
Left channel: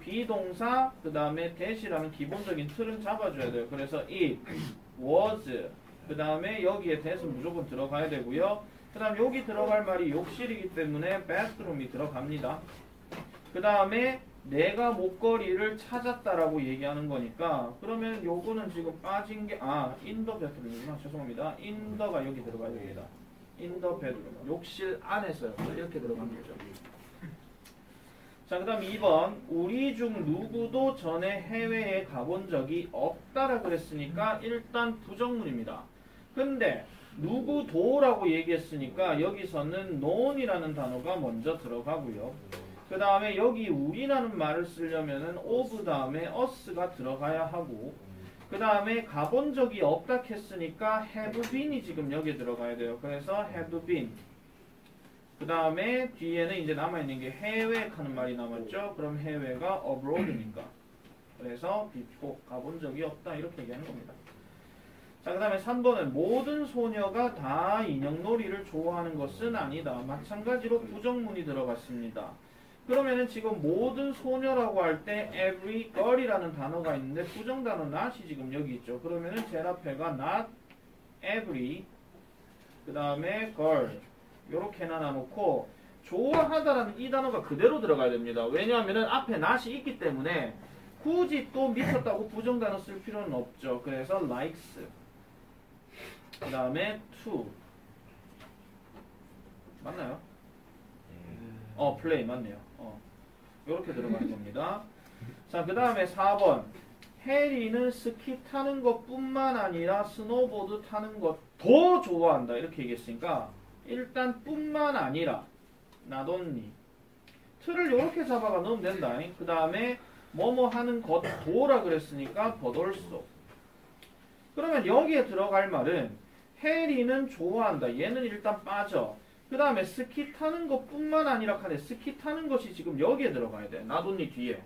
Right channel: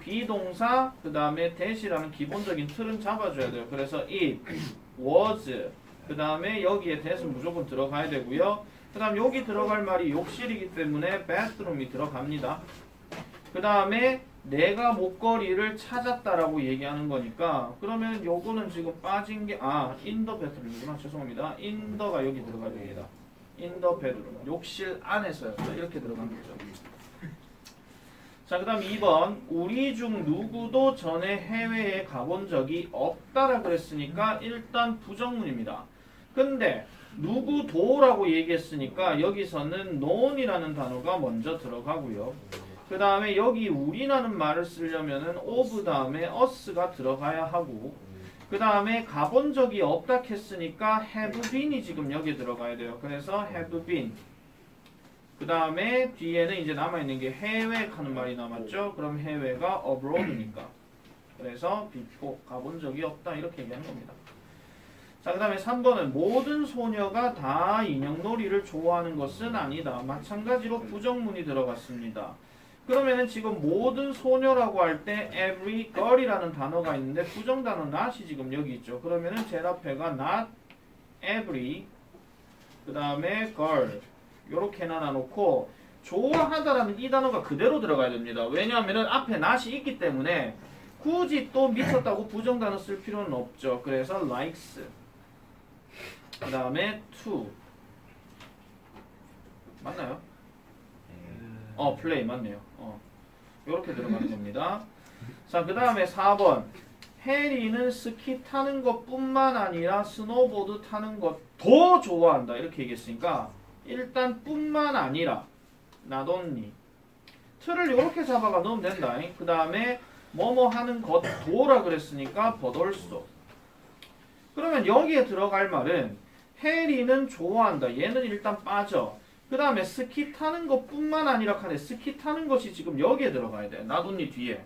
비동사, 그 다음에 that이라는 기본적인 틀은 잡아줘야 돼요. 그래서 it, was, 그 다음에 여기에 that은 무조건 들어가야 되고요. 그 다음 여기 들어갈 말이 욕실이기 때문에 bathroom이 들어갑니다. 그 다음에 내가 목걸이를 찾았다라고 얘기하는 거니까, 그러면 요거는 지금 빠진 게 in the bedroom이구나. 죄송합니다. in the가 여기 들어가야 됩니다. in the bedroom. 욕실 안에서요. 이렇게 들어간 거죠. 자, 그 다음 2번. 우리 중 누구도 전에 해외에 가본 적이 없다라 그랬으니까 일단 부정문입니다. 근데 누구도라고 얘기했으니까 여기서는 known이라는 단어가 먼저 들어가고요. 그 다음에 여기 우리라는 말을 쓰려면은 of 다음에 us가 들어가야 하고, 그 다음에 가본 적이 없다 했으니까 have been이 지금 여기 들어가야 돼요. 그래서 have been. 그 다음에 뒤에는 이제 남아있는 게 해외 하는 말이 남았죠. 그럼 해외가 abroad이니까. 그래서 before, 가본 적이 없다 이렇게 얘기하는 겁니다. 자, 그 다음에 3번은 모든 소녀가 다 인형놀이를 좋아하는 것은 아니다. 마찬가지로 부정문이 들어갔습니다. 그러면은 지금 모든 소녀라고 할 때 every girl이라는 단어가 있는데 부정 단어 not이 지금 여기 있죠. 그러면은 제일 앞에가 not every, 그 다음에 girl 요렇게 나눠놓고 좋아하다라는 이 단어가 그대로 들어가야 됩니다. 왜냐하면은 앞에 not이 있기 때문에 굳이 또 미쳤다고 부정 단어 쓸 필요는 없죠. 그래서 likes, 그 다음에 to, 맞나요? play 맞네요. 이렇게 들어가면 됩니다. 자, 그 다음에 4번. 해리는 스키 타는 것뿐만 아니라 스노보드 타는 것도 좋아한다. 이렇게 얘기했으니까 일단 뿐만 아니라 not only. 틀을 이렇게 잡아가 넣으면 된다. 그 다음에 뭐뭐 하는 것도라 그랬으니까 but also. 그러면 여기에 들어갈 말은 해리는 좋아한다. 얘는 일단 빠져. 그 다음에 스키 타는 것뿐만 아니라 하네. 스키 타는 것이 지금 여기에 들어가야 돼. not only 뒤에.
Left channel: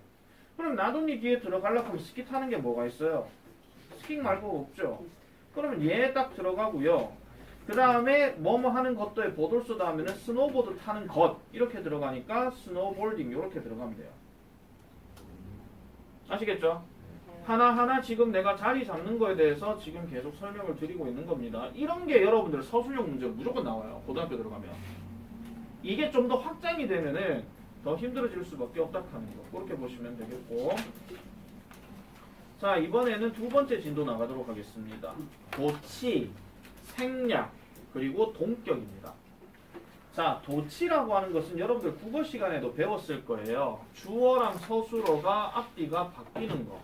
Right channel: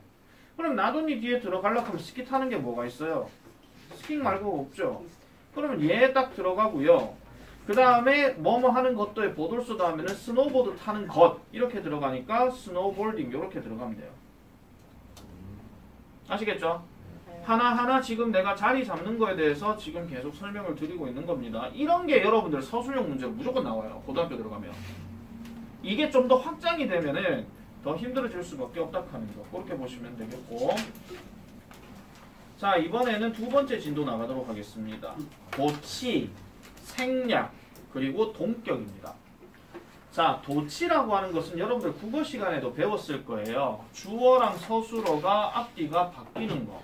그럼 not only 뒤에 들어가려고 하면 스키 타는 게 뭐가 있어요? 스키 말고 없죠. 그러면 얘 딱 들어가고요. 그 다음에 뭐뭐 하는 것도에 보돌소 다음에는 스노보드 타는 것 이렇게 들어가니까 스노볼딩 이렇게 들어가면 돼요. 아시겠죠? 하나하나 지금 내가 자리 잡는 거에 대해서 지금 계속 설명을 드리고 있는 겁니다. 이런 게 여러분들 서술형 문제로 무조건 나와요. 고등학교 들어가면. 이게 좀 더 확장이 되면은 더 힘들어질 수밖에 없다 하는 거. 그렇게 보시면 되겠고. 자, 이번에는 두 번째 진도 나가도록 하겠습니다. 도치, 생략, 그리고 동격입니다. 자, 도치라고 하는 것은 여러분들 국어 시간에도 배웠을 거예요. 주어랑 서술어가 앞뒤가 바뀌는 거.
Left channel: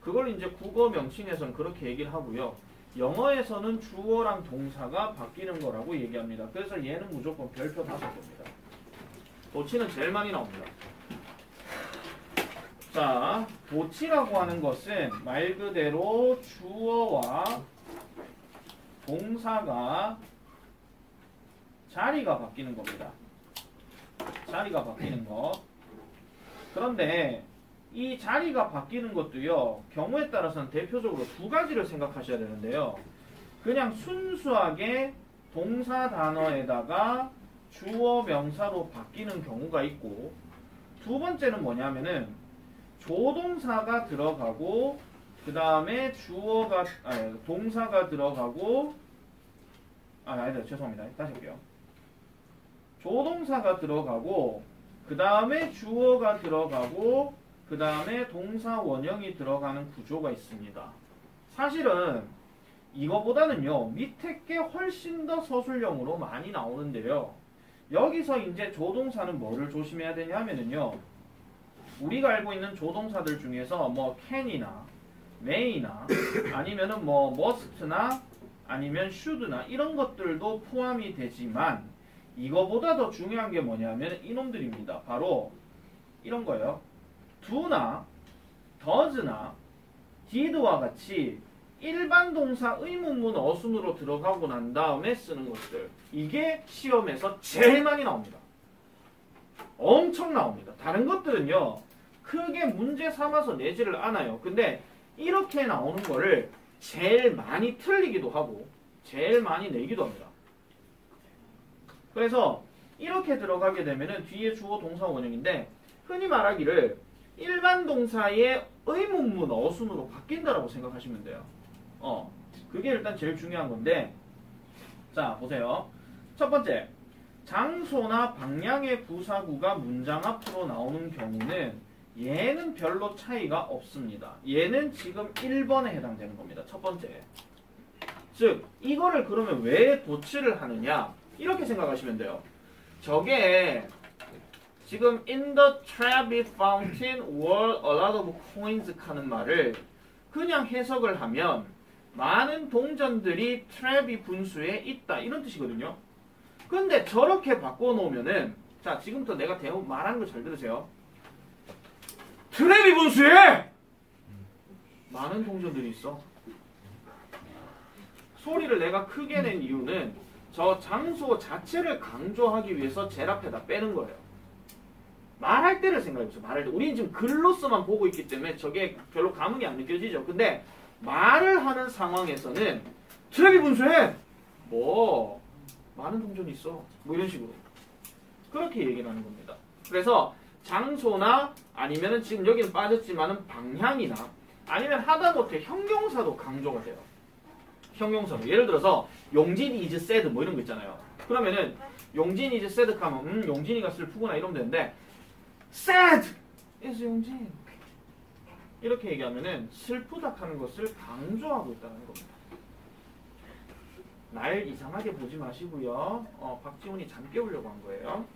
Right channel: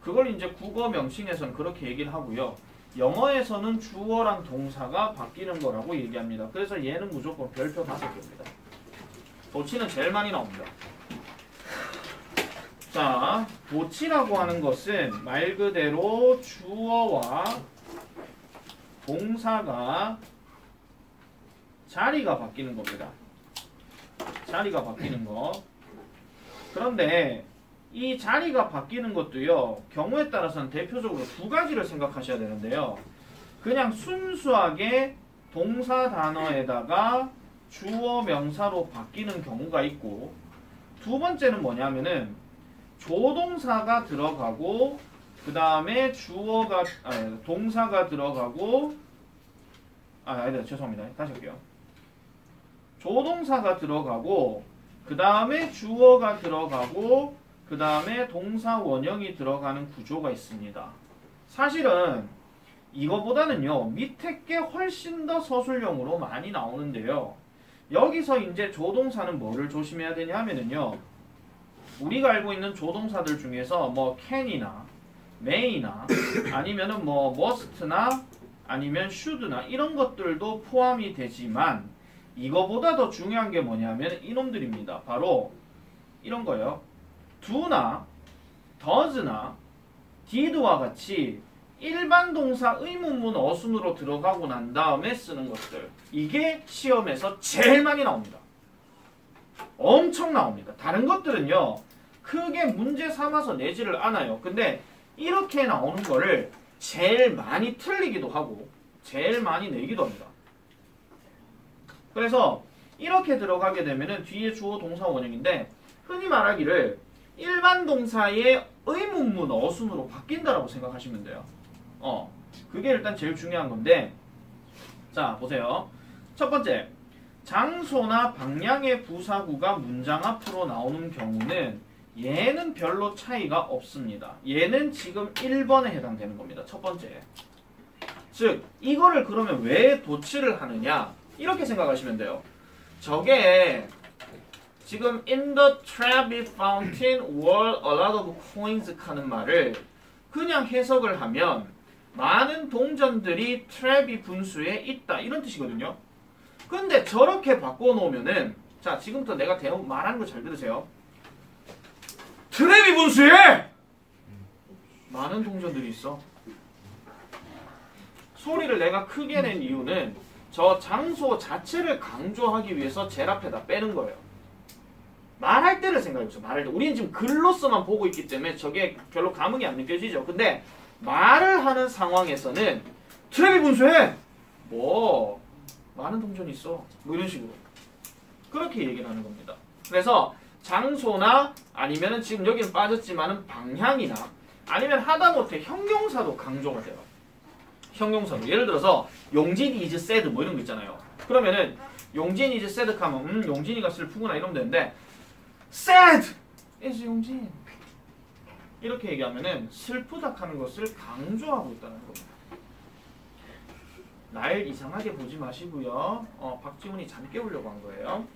그걸 이제 국어 명칭에서는 그렇게 얘기를 하고요. 영어에서는 주어랑 동사가 바뀌는 거라고 얘기합니다. 그래서 얘는 무조건 별표 5개입니다. 도치는 제일 많이 나옵니다. 자, 도치라고 하는 것은 말 그대로 주어와 동사가 자리가 바뀌는 겁니다. 자리가 바뀌는 거. 그런데 이 자리가 바뀌는 것도요, 경우에 따라서는 대표적으로 두 가지를 생각하셔야 되는데요. 그냥 순수하게 동사 단어에다가 주어 명사로 바뀌는 경우가 있고, 두 번째는 뭐냐면은 조동사가 들어가고 그 다음에 주어가 동사가 들어가고 아니다 죄송합니다. 다시 할게요. 조동사가 들어가고 그 다음에 주어가 들어가고 그 다음에 동사 원형이 들어가는 구조가 있습니다. 사실은 이거보다는요 밑에 게 훨씬 더 서술형으로 많이 나오는데요. 여기서 이제 조동사는 뭐를 조심해야 되냐 하면은요, 우리가 알고 있는 조동사들 중에서 뭐 can이나 may나 아니면은 뭐 must나 아니면 should나 이런 것들도 포함이 되지만 이거보다 더 중요한 게 뭐냐면 이놈들입니다. 바로 이런 거예요. do나 does나 did와 같이 일반 동사 의문문 어순으로 들어가고 난 다음에 쓰는 것들. 이게 시험에서 제일 많이 나옵니다. 엄청 나옵니다. 다른 것들은요. 크게 문제 삼아서 내지를 않아요. 근데 이렇게 나오는 거를 제일 많이 틀리기도 하고 제일 많이 내기도 합니다. 그래서 이렇게 들어가게 되면은 뒤에 주어 동사 원형인데 흔히 말하기를 일반 동사의 의문문 어순으로 바뀐다라고 생각하시면 돼요. 그게 일단 제일 중요한 건데 자 보세요. 첫 번째 장소나 방향의 부사구가 문장 앞으로 나오는 경우는 얘는 별로 차이가 없습니다. 얘는 지금 1번에 해당되는 겁니다. 첫 번째. 즉 이거를 그러면 왜 도치를 하느냐 이렇게 생각하시면 돼요. 저게 지금 in the Trevi fountain were a lot of coins 하는 말을 그냥 해석을 하면 많은 동전들이 트레비 분수에 있다 이런 뜻이거든요. 근데 저렇게 바꿔놓으면은 자 지금부터 내가 대본 말하는 거 잘 들으세요. 트레비 분수에 많은 동전들이 있어. 소리를 내가 크게 낸 이유는 저 장소 자체를 강조하기 위해서 제일 앞에다 빼는 거예요. 말할 때를 생각해보세요. 말할 때. 우리는 지금 글로서만 보고 있기 때문에 저게 별로 감흥이 안 느껴지죠. 근데 말을 하는 상황에서는 트레비 분수에 뭐 많은 동전이 있어. 뭐 이런 식으로. 그렇게 얘기를 하는 겁니다. 그래서 장소나 아니면은 지금 여기는 빠졌지만은 방향이나 아니면 하다못해 형용사도 강조가 돼요. 형용사로. 예를 들어서 용진 is sad 뭐 이런 거 있잖아요. 그러면은 용진 is sad 하면 용진이가 슬프구나 이러면 되는데 sad is 용진 이렇게 얘기하면은 슬프다 하는 것을 강조하고 있다는 겁니다. 날 이상하게 보지 마시고요. 박지훈이 잠 깨우려고 한 거예요.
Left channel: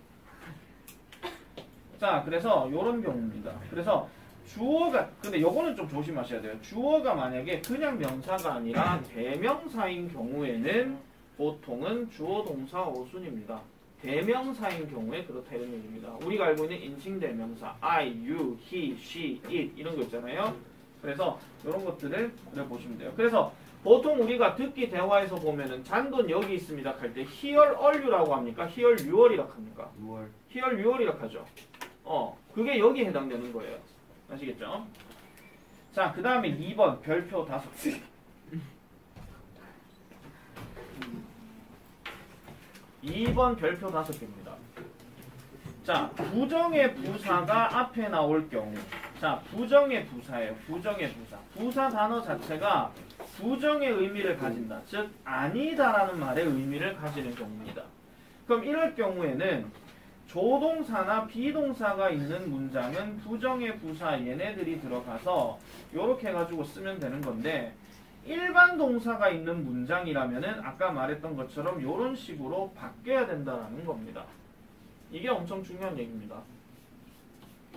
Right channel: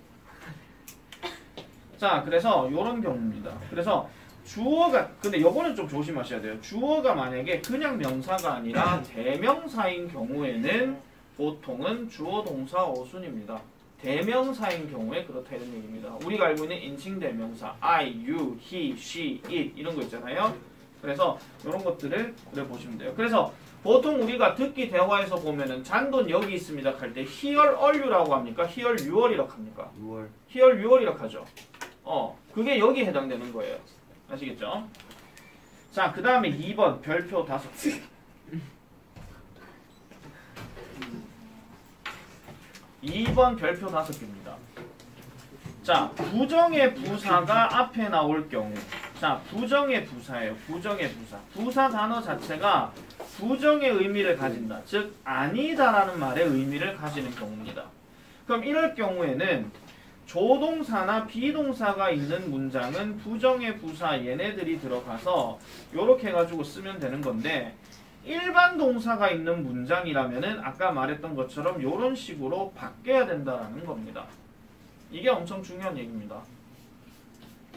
자, 그래서 이런 경우입니다. 그래서 주어가 근데 요거는 좀 조심하셔야 돼요. 주어가 만약에 그냥 명사가 아니라 대명사인 경우에는 보통은 주어 동사 어순입니다. 대명사인 경우에 그렇다 이런 얘기입니다. 우리가 알고 있는 인칭 대명사 I, you, he, she, it 이런 거 있잖아요. 그래서 이런 것들을 그래 보시면 돼요. 그래서 보통 우리가 듣기 대화에서 보면은 잔돈 여기 있습니다 할 때 here are you라고 합니까? here you are이라고 합니까? 6월 here you are이라고 하죠. 그게 여기에 해당되는 거예요. 아시겠죠? 자, 그 다음에 2번 별표 5개. 2번 별표 5개입니다. 자, 부정의 부사가 앞에 나올 경우. 자, 부정의 부사예요. 부정의 부사. 부사 단어 자체가 부정의 의미를 가진다. 즉, 아니다라는 말의 의미를 가지는 경우입니다. 그럼 이럴 경우에는 조동사나 비동사가 있는 문장은 부정의 부사 얘네들이 들어가서 요렇게 해가지고 쓰면 되는 건데 일반 동사가 있는 문장이라면은 아까 말했던 것처럼 요런 식으로 바뀌어야 된다라는 겁니다. 이게 엄청 중요한 얘기입니다.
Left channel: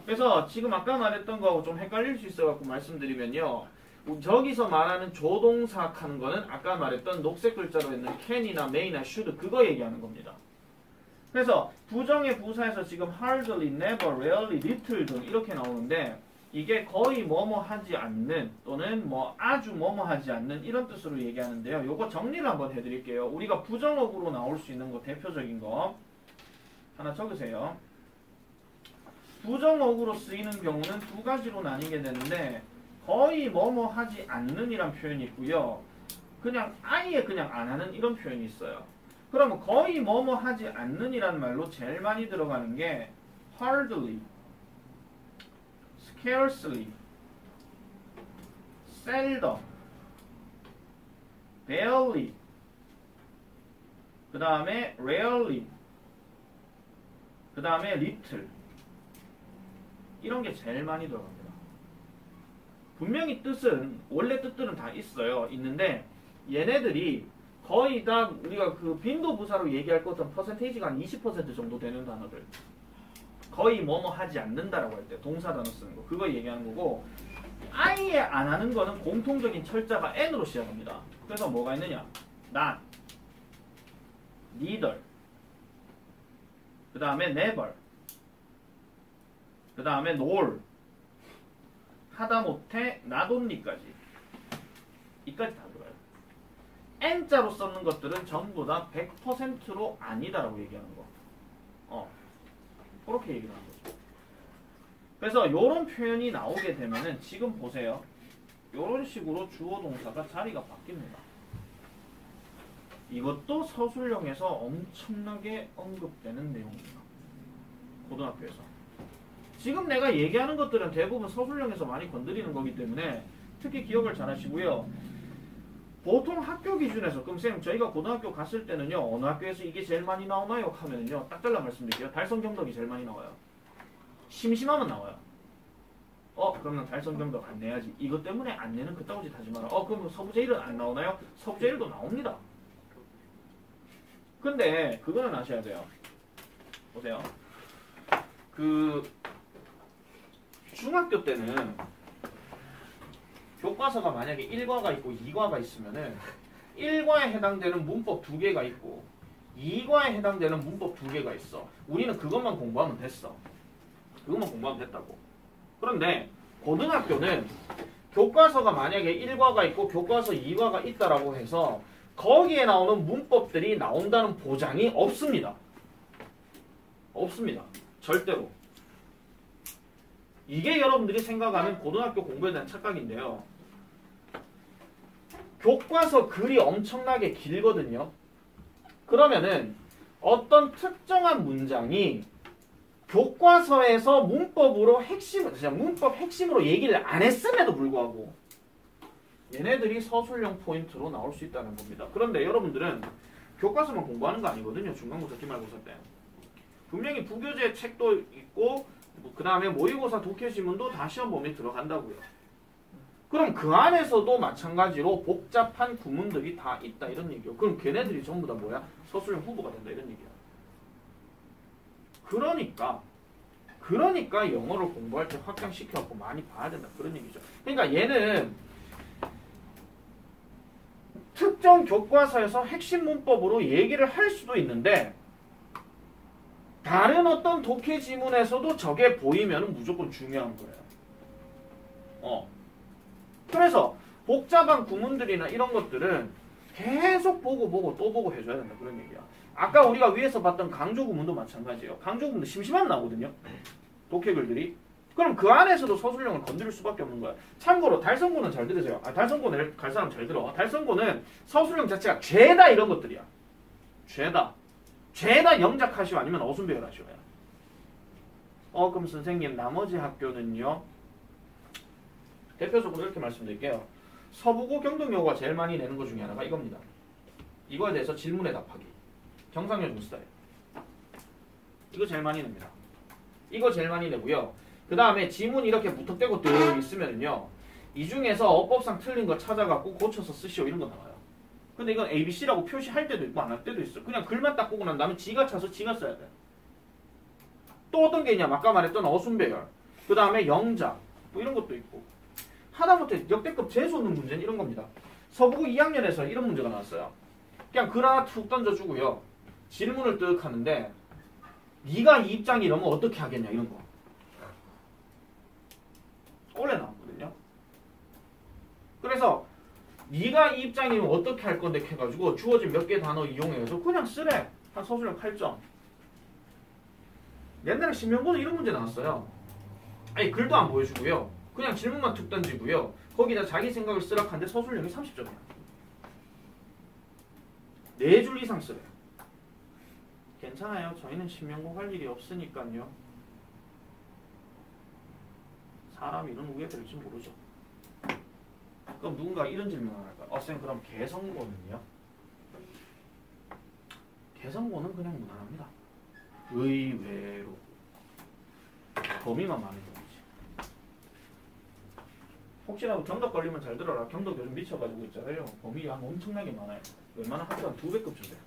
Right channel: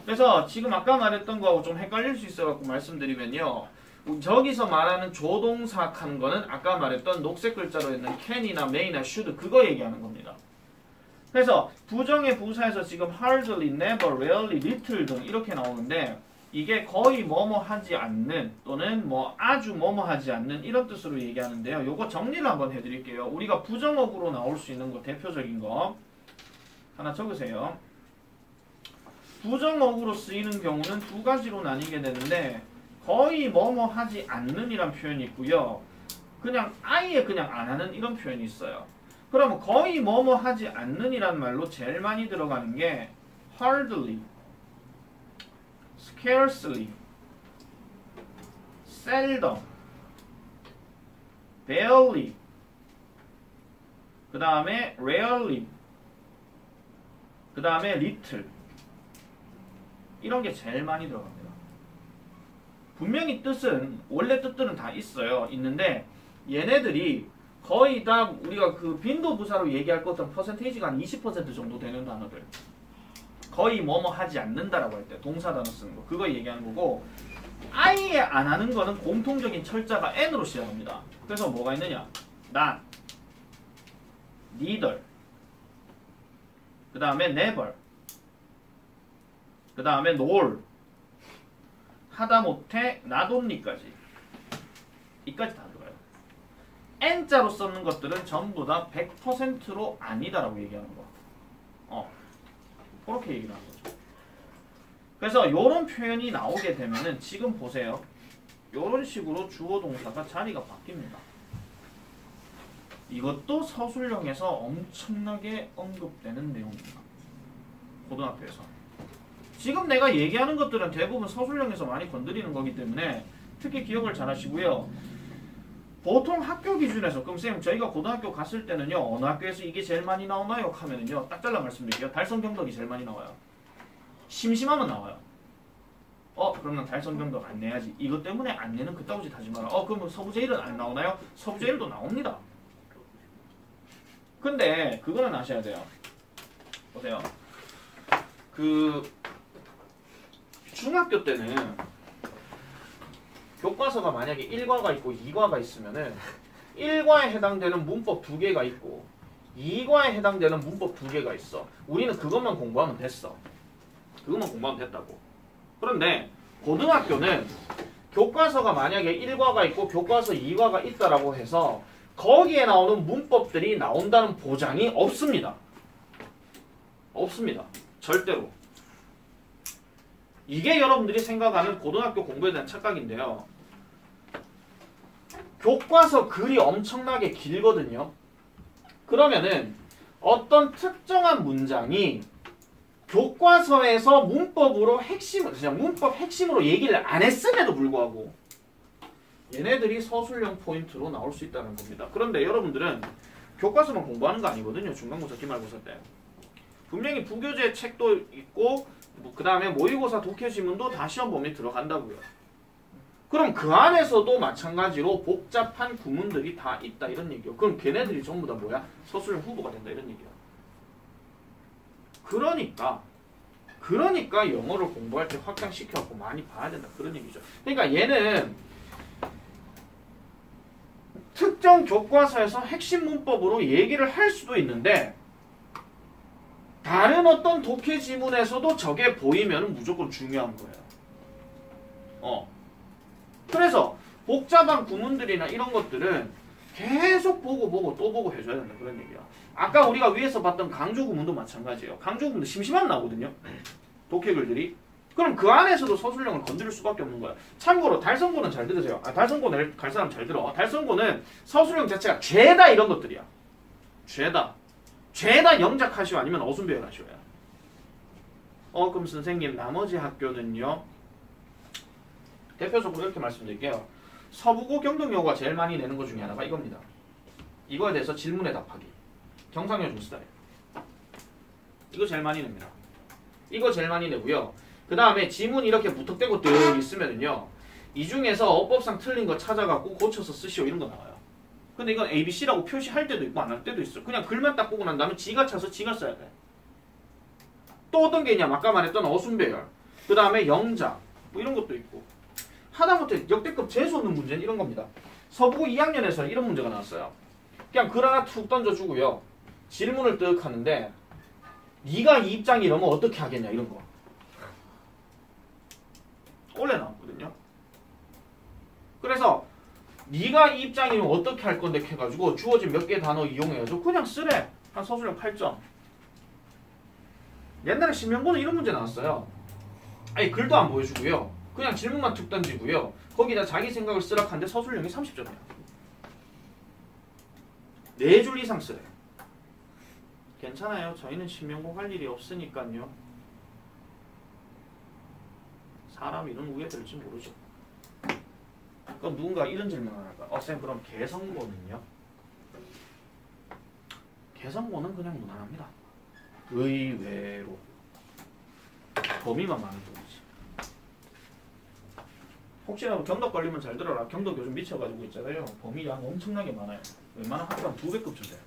그래서 지금 아까 말했던 거하고 좀 헷갈릴 수 있어갖고 말씀드리면요. 저기서 말하는 조동사 하는 거는 아까 말했던 녹색 글자로 있는 can이나 may나 should 그거 얘기하는 겁니다. 그래서 부정의 부사에서 지금 hardly, never, rarely, little 등 이렇게 나오는데 이게 거의 뭐뭐 하지 않는 또는 뭐 아주 뭐뭐 하지 않는 이런 뜻으로 얘기하는데요. 요거 정리를 한번 해드릴게요. 우리가 부정어구로 나올 수 있는 거 대표적인 거 하나 적으세요. 부정어구로 쓰이는 경우는 두 가지로 나뉘게 되는데 거의 뭐뭐 하지 않는 이란 표현이 있고요. 그냥 아예 그냥 안 하는 이런 표현이 있어요. 그러면 거의 뭐뭐 하지 않는 이란 말로 제일 많이 들어가는 게 hardly, scarcely, seldom, barely, 그 다음에 rarely, 그 다음에 little 이런 게 제일 많이 들어갑니다. 분명히 뜻은 원래 뜻들은 다 있는데 얘네들이 거의 다 우리가 그 빈도부사로 얘기할 것처럼 퍼센테이지가 한 20% 정도 되는 단어들 거의 뭐뭐 하지 않는다라고 할 때 동사 단어 쓰는 거 그거 얘기하는 거고 아예 안 하는 거는 공통적인 철자가 n으로 시작합니다. 그래서 뭐가 있느냐 not, neither, 그 다음에 never, 그 다음에 nor, 하다못해 not only까지 이까지 다 N자로 썼는 것들은 전부 다 100%로 아니다라고 얘기하는 거. 그렇게 얘기를 하는 거죠. 그래서 이런 표현이 나오게 되면은 지금 보세요. 이런 식으로 주어 동사가 자리가 바뀝니다. 이것도 서술형에서 엄청나게 언급되는 내용입니다. 고등학교에서. 지금 내가 얘기하는 것들은 대부분 서술형에서 많이 건드리는 거기 때문에 특히 기억을 잘 하시고요. 보통 학교 기준에서 그럼 쌤 저희가 고등학교 갔을 때는요 어느 학교에서 이게 제일 많이 나오나요? 하면은요 딱 잘라 말씀드릴게요. 달성경덕이 제일 많이 나와요. 심심하면 나와요. 그러면 달성경덕 안 내야지. 이것 때문에 안 내는 그따위 짓 하지 마라. 그러면 서부제일은 안 나오나요? 서부제일도 나옵니다. 근데 그거는 아셔야 돼요. 보세요. 중학교 때는 교과서가 만약에 1과가 있고 2과가 있으면은 1과에 해당되는 문법 2개가 있고 2과에 해당되는 문법 2개가 있어. 우리는 그것만 공부하면 됐어. 그것만 공부하면 됐다고. 그런데 고등학교는 교과서가 만약에 1과가 있고 교과서 2과가 있다라고 해서 거기에 나오는 문법들이 나온다는 보장이 없습니다. 없습니다. 절대로. 이게 여러분들이 생각하는 고등학교 공부에 대한 착각인데요. 교과서 글이 엄청나게 길거든요. 그러면은 어떤 특정한 문장이 교과서에서 문법으로 그냥 문법 핵심으로 얘기를 안 했음에도 불구하고 얘네들이 서술형 포인트로 나올 수 있다는 겁니다. 그런데 여러분들은 교과서만 공부하는 거 아니거든요. 중간고사, 기말고사 때. 분명히 부교재 책도 있고 그 다음에 모의고사 독해지문도 다 시험 범위에 들어간다고요. 그럼 그 안에서도 마찬가지로 복잡한 구문들이 다 있다 이런 얘기요. 그럼 걔네들이 전부 다 뭐야? 서술형 후보가 된다 이런 얘기야. 그러니까 영어를 공부할 때 확장시켜갖고 많이 봐야 된다 그런 얘기죠. 그러니까 얘는 특정 교과서에서 핵심 문법으로 얘기를 할 수도 있는데 다른 어떤 독해 지문에서도 저게 보이면 무조건 중요한 거예요. 그래서 복잡한 구문들이나 이런 것들은 계속 보고 또 보고 해줘야 된다 그런 얘기야. 아까 우리가 위에서 봤던 강조 구문도 마찬가지예요. 강조 구문도 심심하면 나오거든요. 독해 글들이. 그럼 그 안에서도 서술형을 건드릴 수밖에 없는 거야. 참고로 달성고는 잘 들으세요. 달성고는 갈 사람 잘 들어. 달성고는 서술형 자체가 죄다 이런 것들이야. 죄다 영작하시오 아니면 어순배열 하시오야. 그럼 선생님 나머지 학교는요. 대표적으로 이렇게 말씀드릴게요. 서부고 경동여고가 제일 많이 내는 것 중에 하나가 이겁니다. 이거에 대해서 질문에 답하기. 경상여 중스타일. 이거 제일 많이 냅니다. 이거 제일 많이 내고요. 그 다음에 지문이 이렇게 무턱대고 늘 있으면은요. 이 중에서 어법상 틀린 거 찾아갖고 고쳐서 쓰시오 이런 거 나와요. 근데 이건 ABC라고 표시할 때도 있고 안 할 때도 있어. 그냥 글만 딱 보고 난 다음에 지가 차서 지가 써야 돼. 또 어떤 게 있냐? 아까 말했던 어순배열. 그 다음에 영작. 뭐 이런 것도 있고. 하다못해 역대급 재수없는 문제는 이런 겁니다. 서부고 2학년에서 이런 문제가 나왔어요. 그냥 글 하나 툭 던져주고요. 질문을 뜩 하는데 네가 이 입장이 이러면 어떻게 하겠냐 이런 거. 원래 나왔거든요. 그래서 네가 이 입장이면 어떻게 할 건데 해가지고 주어진 몇 개 단어 이용해가지고 그냥 쓰래. 한 서술형 8점. 옛날에 신명고는 이런 문제 나왔어요. 아니 글도 안 보여주고요. 그냥 질문만 툭 던지고요. 거기다 자기 생각을 쓰라 하는데 서술형이 30점이야. 4줄 이상 쓰래. 괜찮아요. 저희는 신명고 할 일이 없으니까요. 사람이 이런 우애 될지 모르죠. 그럼 누군가 이런 질문 안 할까? 쌤 그럼 개성고는요? 개성고는 그냥 무난합니다. 의외로. 범위만 많은 거지. 혹시라도 경덕 걸리면 잘 들어라. 경덕 요즘 미쳐가지고 있잖아요. 범위 양 엄청나게 많아요. 웬만한 학교랑 2배급 주세요.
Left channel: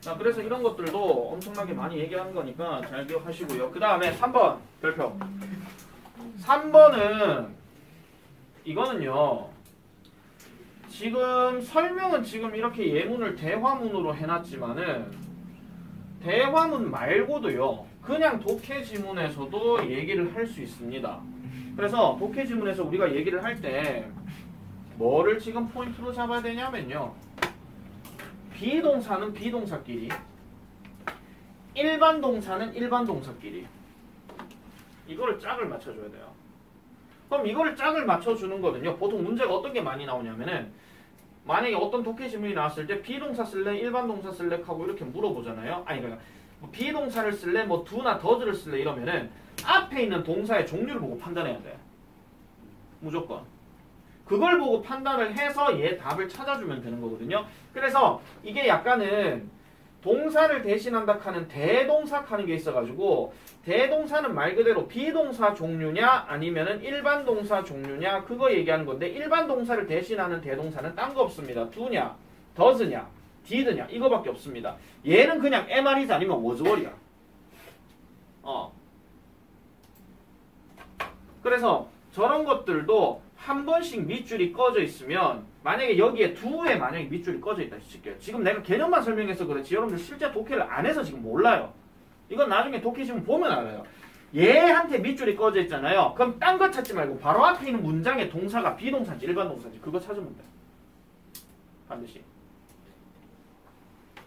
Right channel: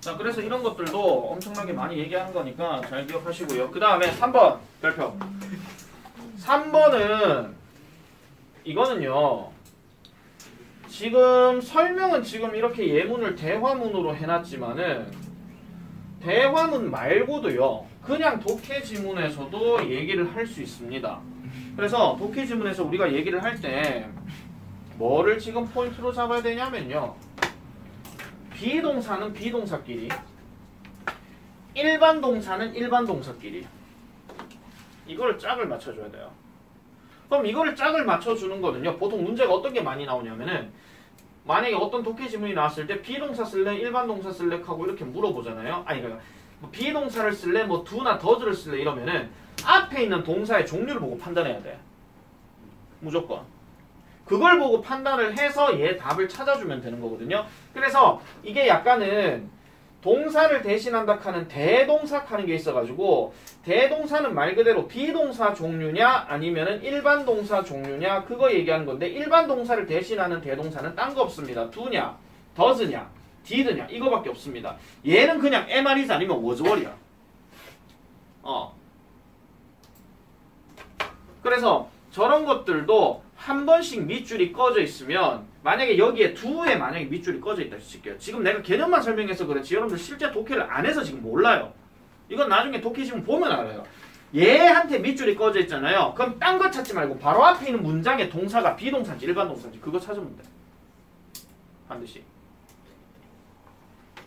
자, 그래서 이런 것들도 엄청나게 많이 얘기하는 거니까 잘 기억하시고요. 그 다음에 3번 별표. 3번은 이거는요. 지금 설명은 지금 이렇게 예문을 대화문으로 해놨지만은 대화문 말고도요. 그냥 독해 지문에서도 얘기를 할 수 있습니다. 그래서 독해 지문에서 우리가 얘기를 할 때 뭐를 지금 포인트로 잡아야 되냐면요. 비동사는 비동사끼리, 일반 동사는 일반 동사끼리 이거를 짝을 맞춰줘야 돼요. 그럼 이거를 짝을 맞춰주는 거는요. 보통 문제가 어떤 게 많이 나오냐면은 만약에 어떤 독해 지문이 나왔을 때 비동사 쓸래, 일반 동사 쓸래 하고 이렇게 물어보잖아요. 아니 그러니까 뭐 비동사를 쓸래, 뭐 do나 does를 쓸래 이러면은 앞에 있는 동사의 종류를 보고 판단해야 돼. 무조건. 그걸 보고 판단을 해서 얘 답을 찾아주면 되는 거거든요. 그래서 이게 약간은 동사를 대신한다 하는 대동사 하는 게 있어가지고 대동사는 말 그대로 비동사 종류냐 아니면은 일반 동사 종류냐 그거 얘기하는 건데 일반 동사를 대신하는 대동사는 딴 거 없습니다. do냐, does냐, did냐 이거밖에 없습니다. 얘는 그냥 am, is 아니면 was, were이야. 그래서 저런 것들도 한 번씩 밑줄이 꺼져 있으면 만약에 여기에 do에 만약에 밑줄이 꺼져 있다 칠게요. 지금 내가 개념만 설명해서 그렇지 여러분들 실제 독해를 안 해서 지금 몰라요. 이건 나중에 독해 지문 보면 알아요. 얘한테 밑줄이 꺼져 있잖아요. 그럼 딴 거 찾지 말고 바로 앞에 있는 문장의 동사가 비동사인지 일반 동사인지 그거 찾으면 돼. 반드시.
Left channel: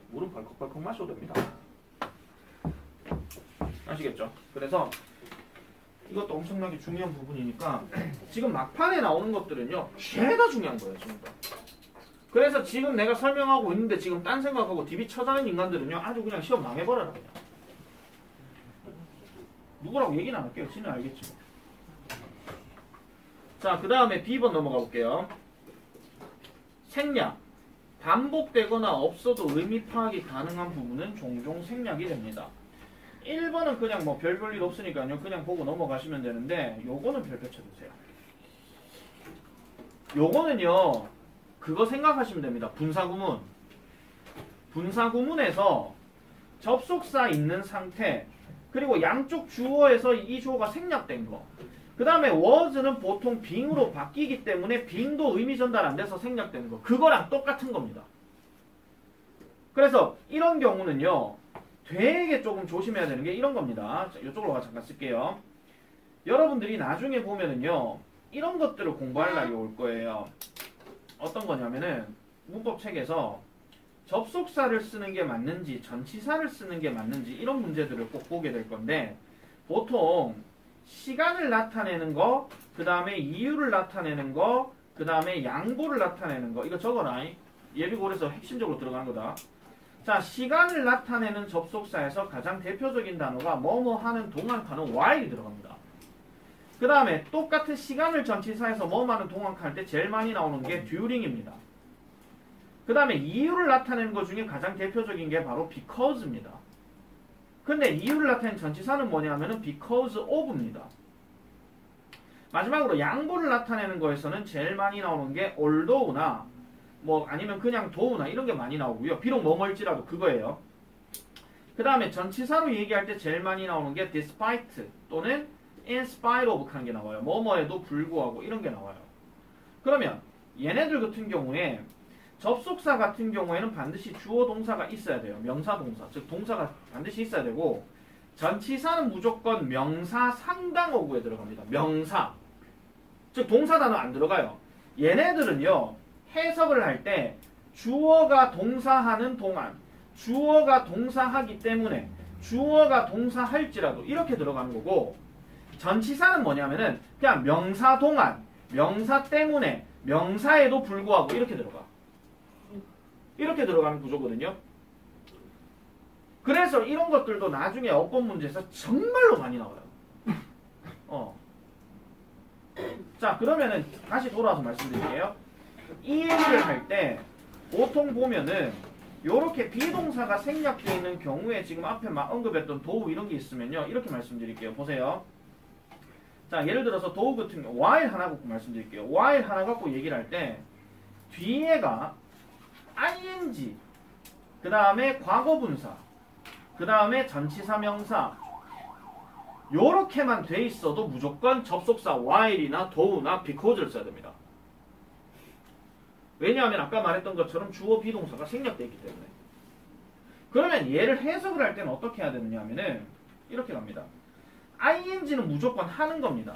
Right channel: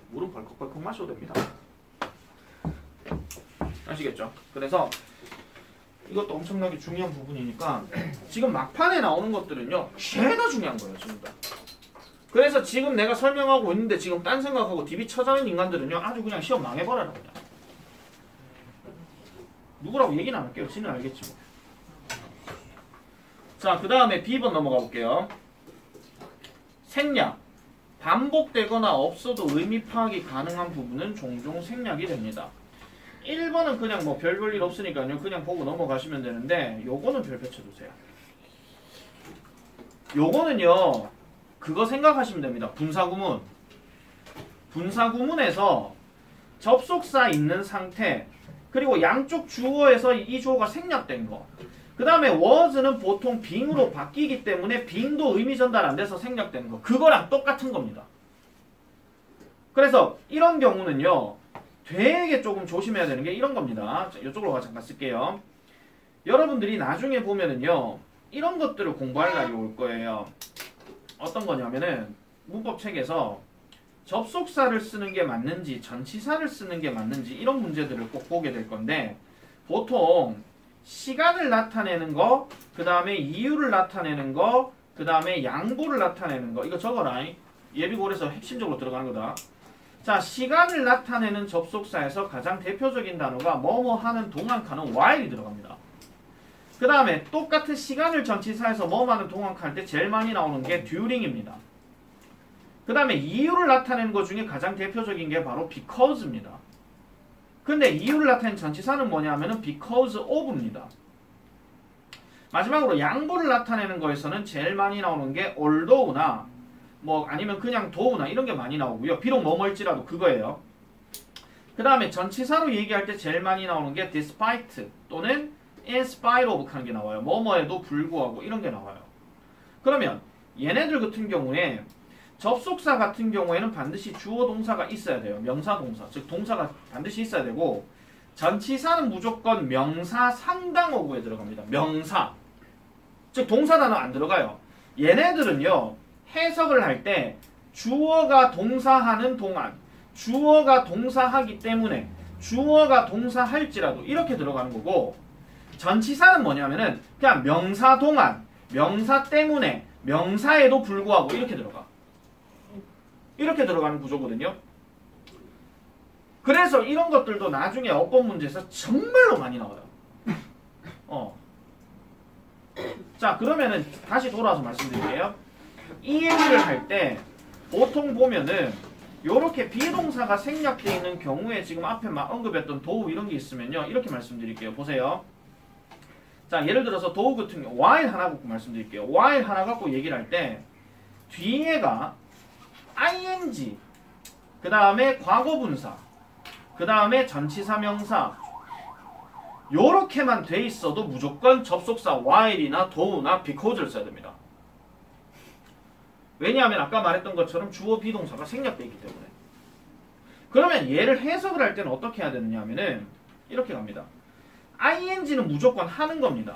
물은 벌컥벌컥 마셔도 됩니다. 아시겠죠? 그래서 이것도 엄청나게 중요한 부분이니까 지금 막판에 나오는 것들은요 죄다 중요한 거예요 지금. 그래서 지금 내가 설명하고 있는데 지금 딴 생각하고 DB 쳐자는 인간들은요 아주 그냥 시험 망해버려라 그냥. 누구라고 얘기는 안 할게요. 지는 알겠지 뭐. 자, 그 다음에 B번 넘어가 볼게요. 생략. 반복되거나 없어도 의미 파악이 가능한 부분은 종종 생략이 됩니다. 1번은 그냥 뭐 별 볼 일 없으니까요. 그냥 보고 넘어가시면 되는데 요거는 별표 쳐주세요. 요거는요. 그거 생각하시면 됩니다. 분사구문. 분사구문에서 접속사 있는 상태 그리고 양쪽 주어에서 이 주어가 생략된 거. 그 다음에 was는 보통 being으로 바뀌기 때문에 being도 의미 전달 안 돼서 생략된 거. 그거랑 똑같은 겁니다. 그래서 이런 경우는요. 되게 조금 조심해야 되는 게 이런 겁니다. 자, 이쪽으로 잠깐 쓸게요. 여러분들이 나중에 보면은요. 이런 것들을 공부할 날이 올 거예요. 어떤 거냐면은 문법책에서 접속사를 쓰는 게 맞는지 전치사를 쓰는 게 맞는지 이런 문제들을 꼭 보게 될 건데 보통 시간을 나타내는 거, 그 다음에 이유를 나타내는 거, 그 다음에 양보를 나타내는 거 이거 적어라. 예비고에서 핵심적으로 들어가는 거다. 자, 시간을 나타내는 접속사에서 가장 대표적인 단어가 뭐뭐 하는 동안 칸은 while이 들어갑니다. 그 다음에 똑같은 시간을 전치사에서 뭐뭐 하는 동안 칸 할 때 제일 많이 나오는 게 during입니다. 그 다음에 이유를 나타내는 것 중에 가장 대표적인 게 바로 because입니다. 근데 이유를 나타내는 전치사는 뭐냐면은 because of입니다. 마지막으로 양보를 나타내는 거에서는 제일 많이 나오는 게 although나 뭐 아니면 그냥 though나 이런 게 많이 나오고요. 비록 뭐뭐일지라도 그거예요. 그 다음에 전치사로 얘기할 때 제일 많이 나오는 게 despite 또는 in spite of 하는 게 나와요. 뭐뭐에도 불구하고 이런 게 나와요. 그러면 얘네들 같은 경우에 접속사 같은 경우에는 반드시 주어 동사가 있어야 돼요. 명사 동사. 즉 동사가 반드시 있어야 되고 전치사는 무조건 명사 상당 어구에 들어갑니다. 명사. 즉 동사 단어 안 들어가요. 얘네들은요. 해석을 할 때 주어가 동사하는 동안 주어가 동사하기 때문에 주어가 동사할지라도 이렇게 들어가는 거고 전치사는 뭐냐면은 그냥 명사 동안 명사 때문에 명사에도 불구하고 이렇게 들어가. 이렇게 들어가는 구조거든요. 그래서 이런 것들도 나중에 어법 문제에서 정말로 많이 나와요. 자, 그러면은 다시 돌아와서 말씀드릴게요. 이 얘기를 할 때 보통 보면은 요렇게 비동사가 생략되어 있는 경우에 지금 앞에 막 언급했던 도우 이런 게 있으면요. 이렇게 말씀드릴게요. 보세요. 자, 예를 들어서 도우 같은 경우 while 하나 갖고 말씀드릴게요. while 하나 갖고 얘기를 할 때 뒤에가 ing, 그 다음에 과거분사, 그 다음에 전치사 명사 요렇게만 돼 있어도 무조건 접속사 while이나 though나 because를 써야 됩니다. 왜냐하면 아까 말했던 것처럼 주어 비동사가 생략되어 있기 때문에. 그러면 얘를 해석을 할 때는 어떻게 해야 되느냐 하면은 이렇게 갑니다. ing는 무조건 하는 겁니다.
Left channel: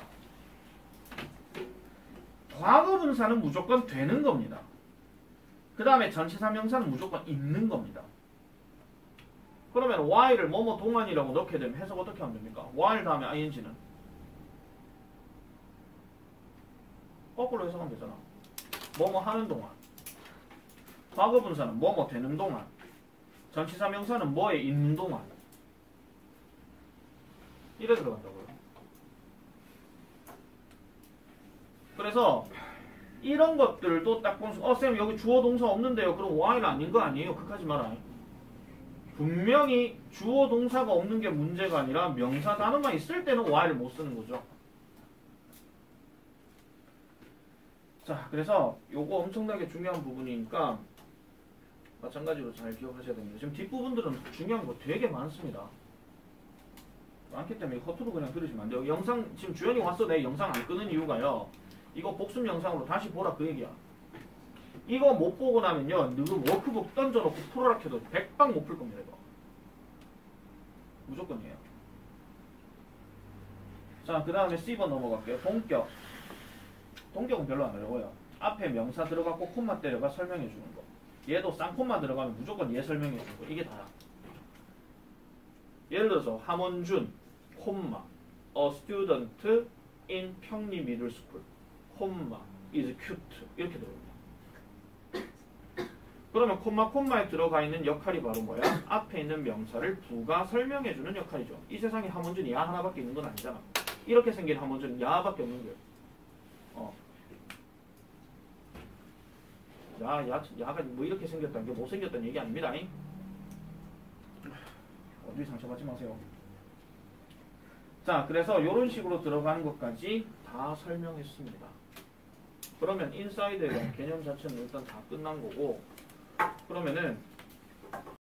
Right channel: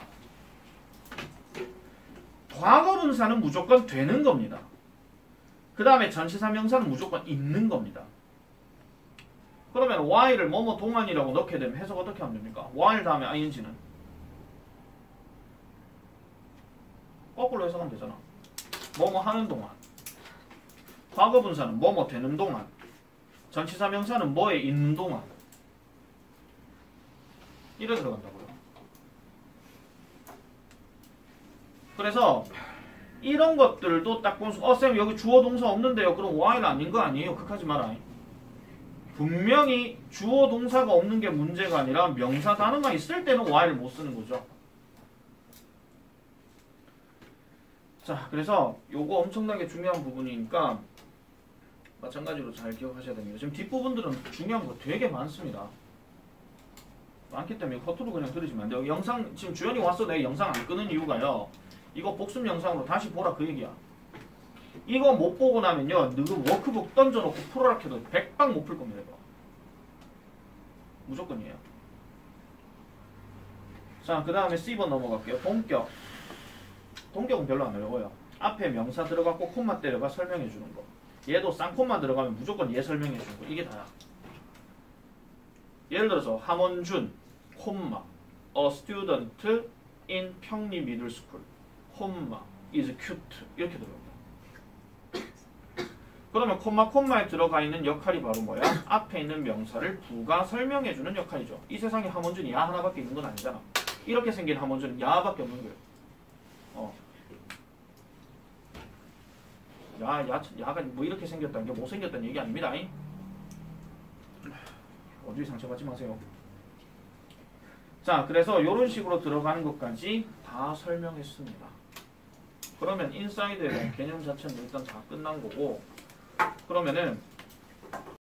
과거 분사는 무조건 되는 겁니다. 그 다음에 전치사 명사는 무조건 있는 겁니다. 그러면 while을 뭐뭐 동안이라고 넣게 되면 해석 어떻게 하면 됩니까? while 다음에 ing는 거꾸로 해석하면 되잖아. 뭐뭐 하는 동안. 과거 분사는 뭐뭐 되는 동안. 전치사 명사는 뭐에 있는 동안. 이래 들어간다고요. 그래서 이런 것들도 딱 보면 쌤 여기 주어 동사 없는데요. 그럼 while 아닌 거 아니에요? 그렇게 하지 마라. 분명히 주어 동사가 없는 게 문제가 아니라 명사 단어만 있을 때는 while을 못 쓰는 거죠. 자, 그래서 요거 엄청나게 중요한 부분이니까 마찬가지로 잘 기억하셔야 됩니다. 지금 뒷부분들은 중요한 거 되게 많습니다. 많기 때문에 겉으로 그냥 들으시면 안 돼요. 영상 지금 주연이 와서 내 영상 안 끄는 이유가요. 이거 복습 영상으로 다시 보라 그 얘기야. 이거 못 보고 나면요. 너 워크북 던져놓고 풀어라 해도 100방 못 풀 겁니다. 이거. 무조건이에요. 자, 그 다음에 C번 넘어갈게요. 동격. 동격은 별로 안 어려워요. 앞에 명사 들어가고 콤마 때려가 설명해 주는 거. 얘도 쌍콤마 들어가면 무조건 얘 설명해 주는 거. 이게 다야. 예를 들어서 함원준, 콤마, a student in 평리 middle school, 콤마, is cute 이렇게 들어옵니다. 그러면 콤마에 들어가 있는 역할이 바로 뭐야? 앞에 있는 명사를 부가 설명해 주는 역할이죠. 이 세상에 함원준이 야 하나밖에 있는 건 아니잖아. 이렇게 생긴 함원준은 야밖에 없는 거예요. 야가 뭐 이렇게 생겼다는 게 못생겼다는 얘기 아닙니다. 어디 상처받지 마세요. 자, 그래서 이런 식으로 들어가는 것까지 다 설명했습니다. 그러면 인사이드에 대한 개념 자체는 일단 다 끝난 거고, 그러면은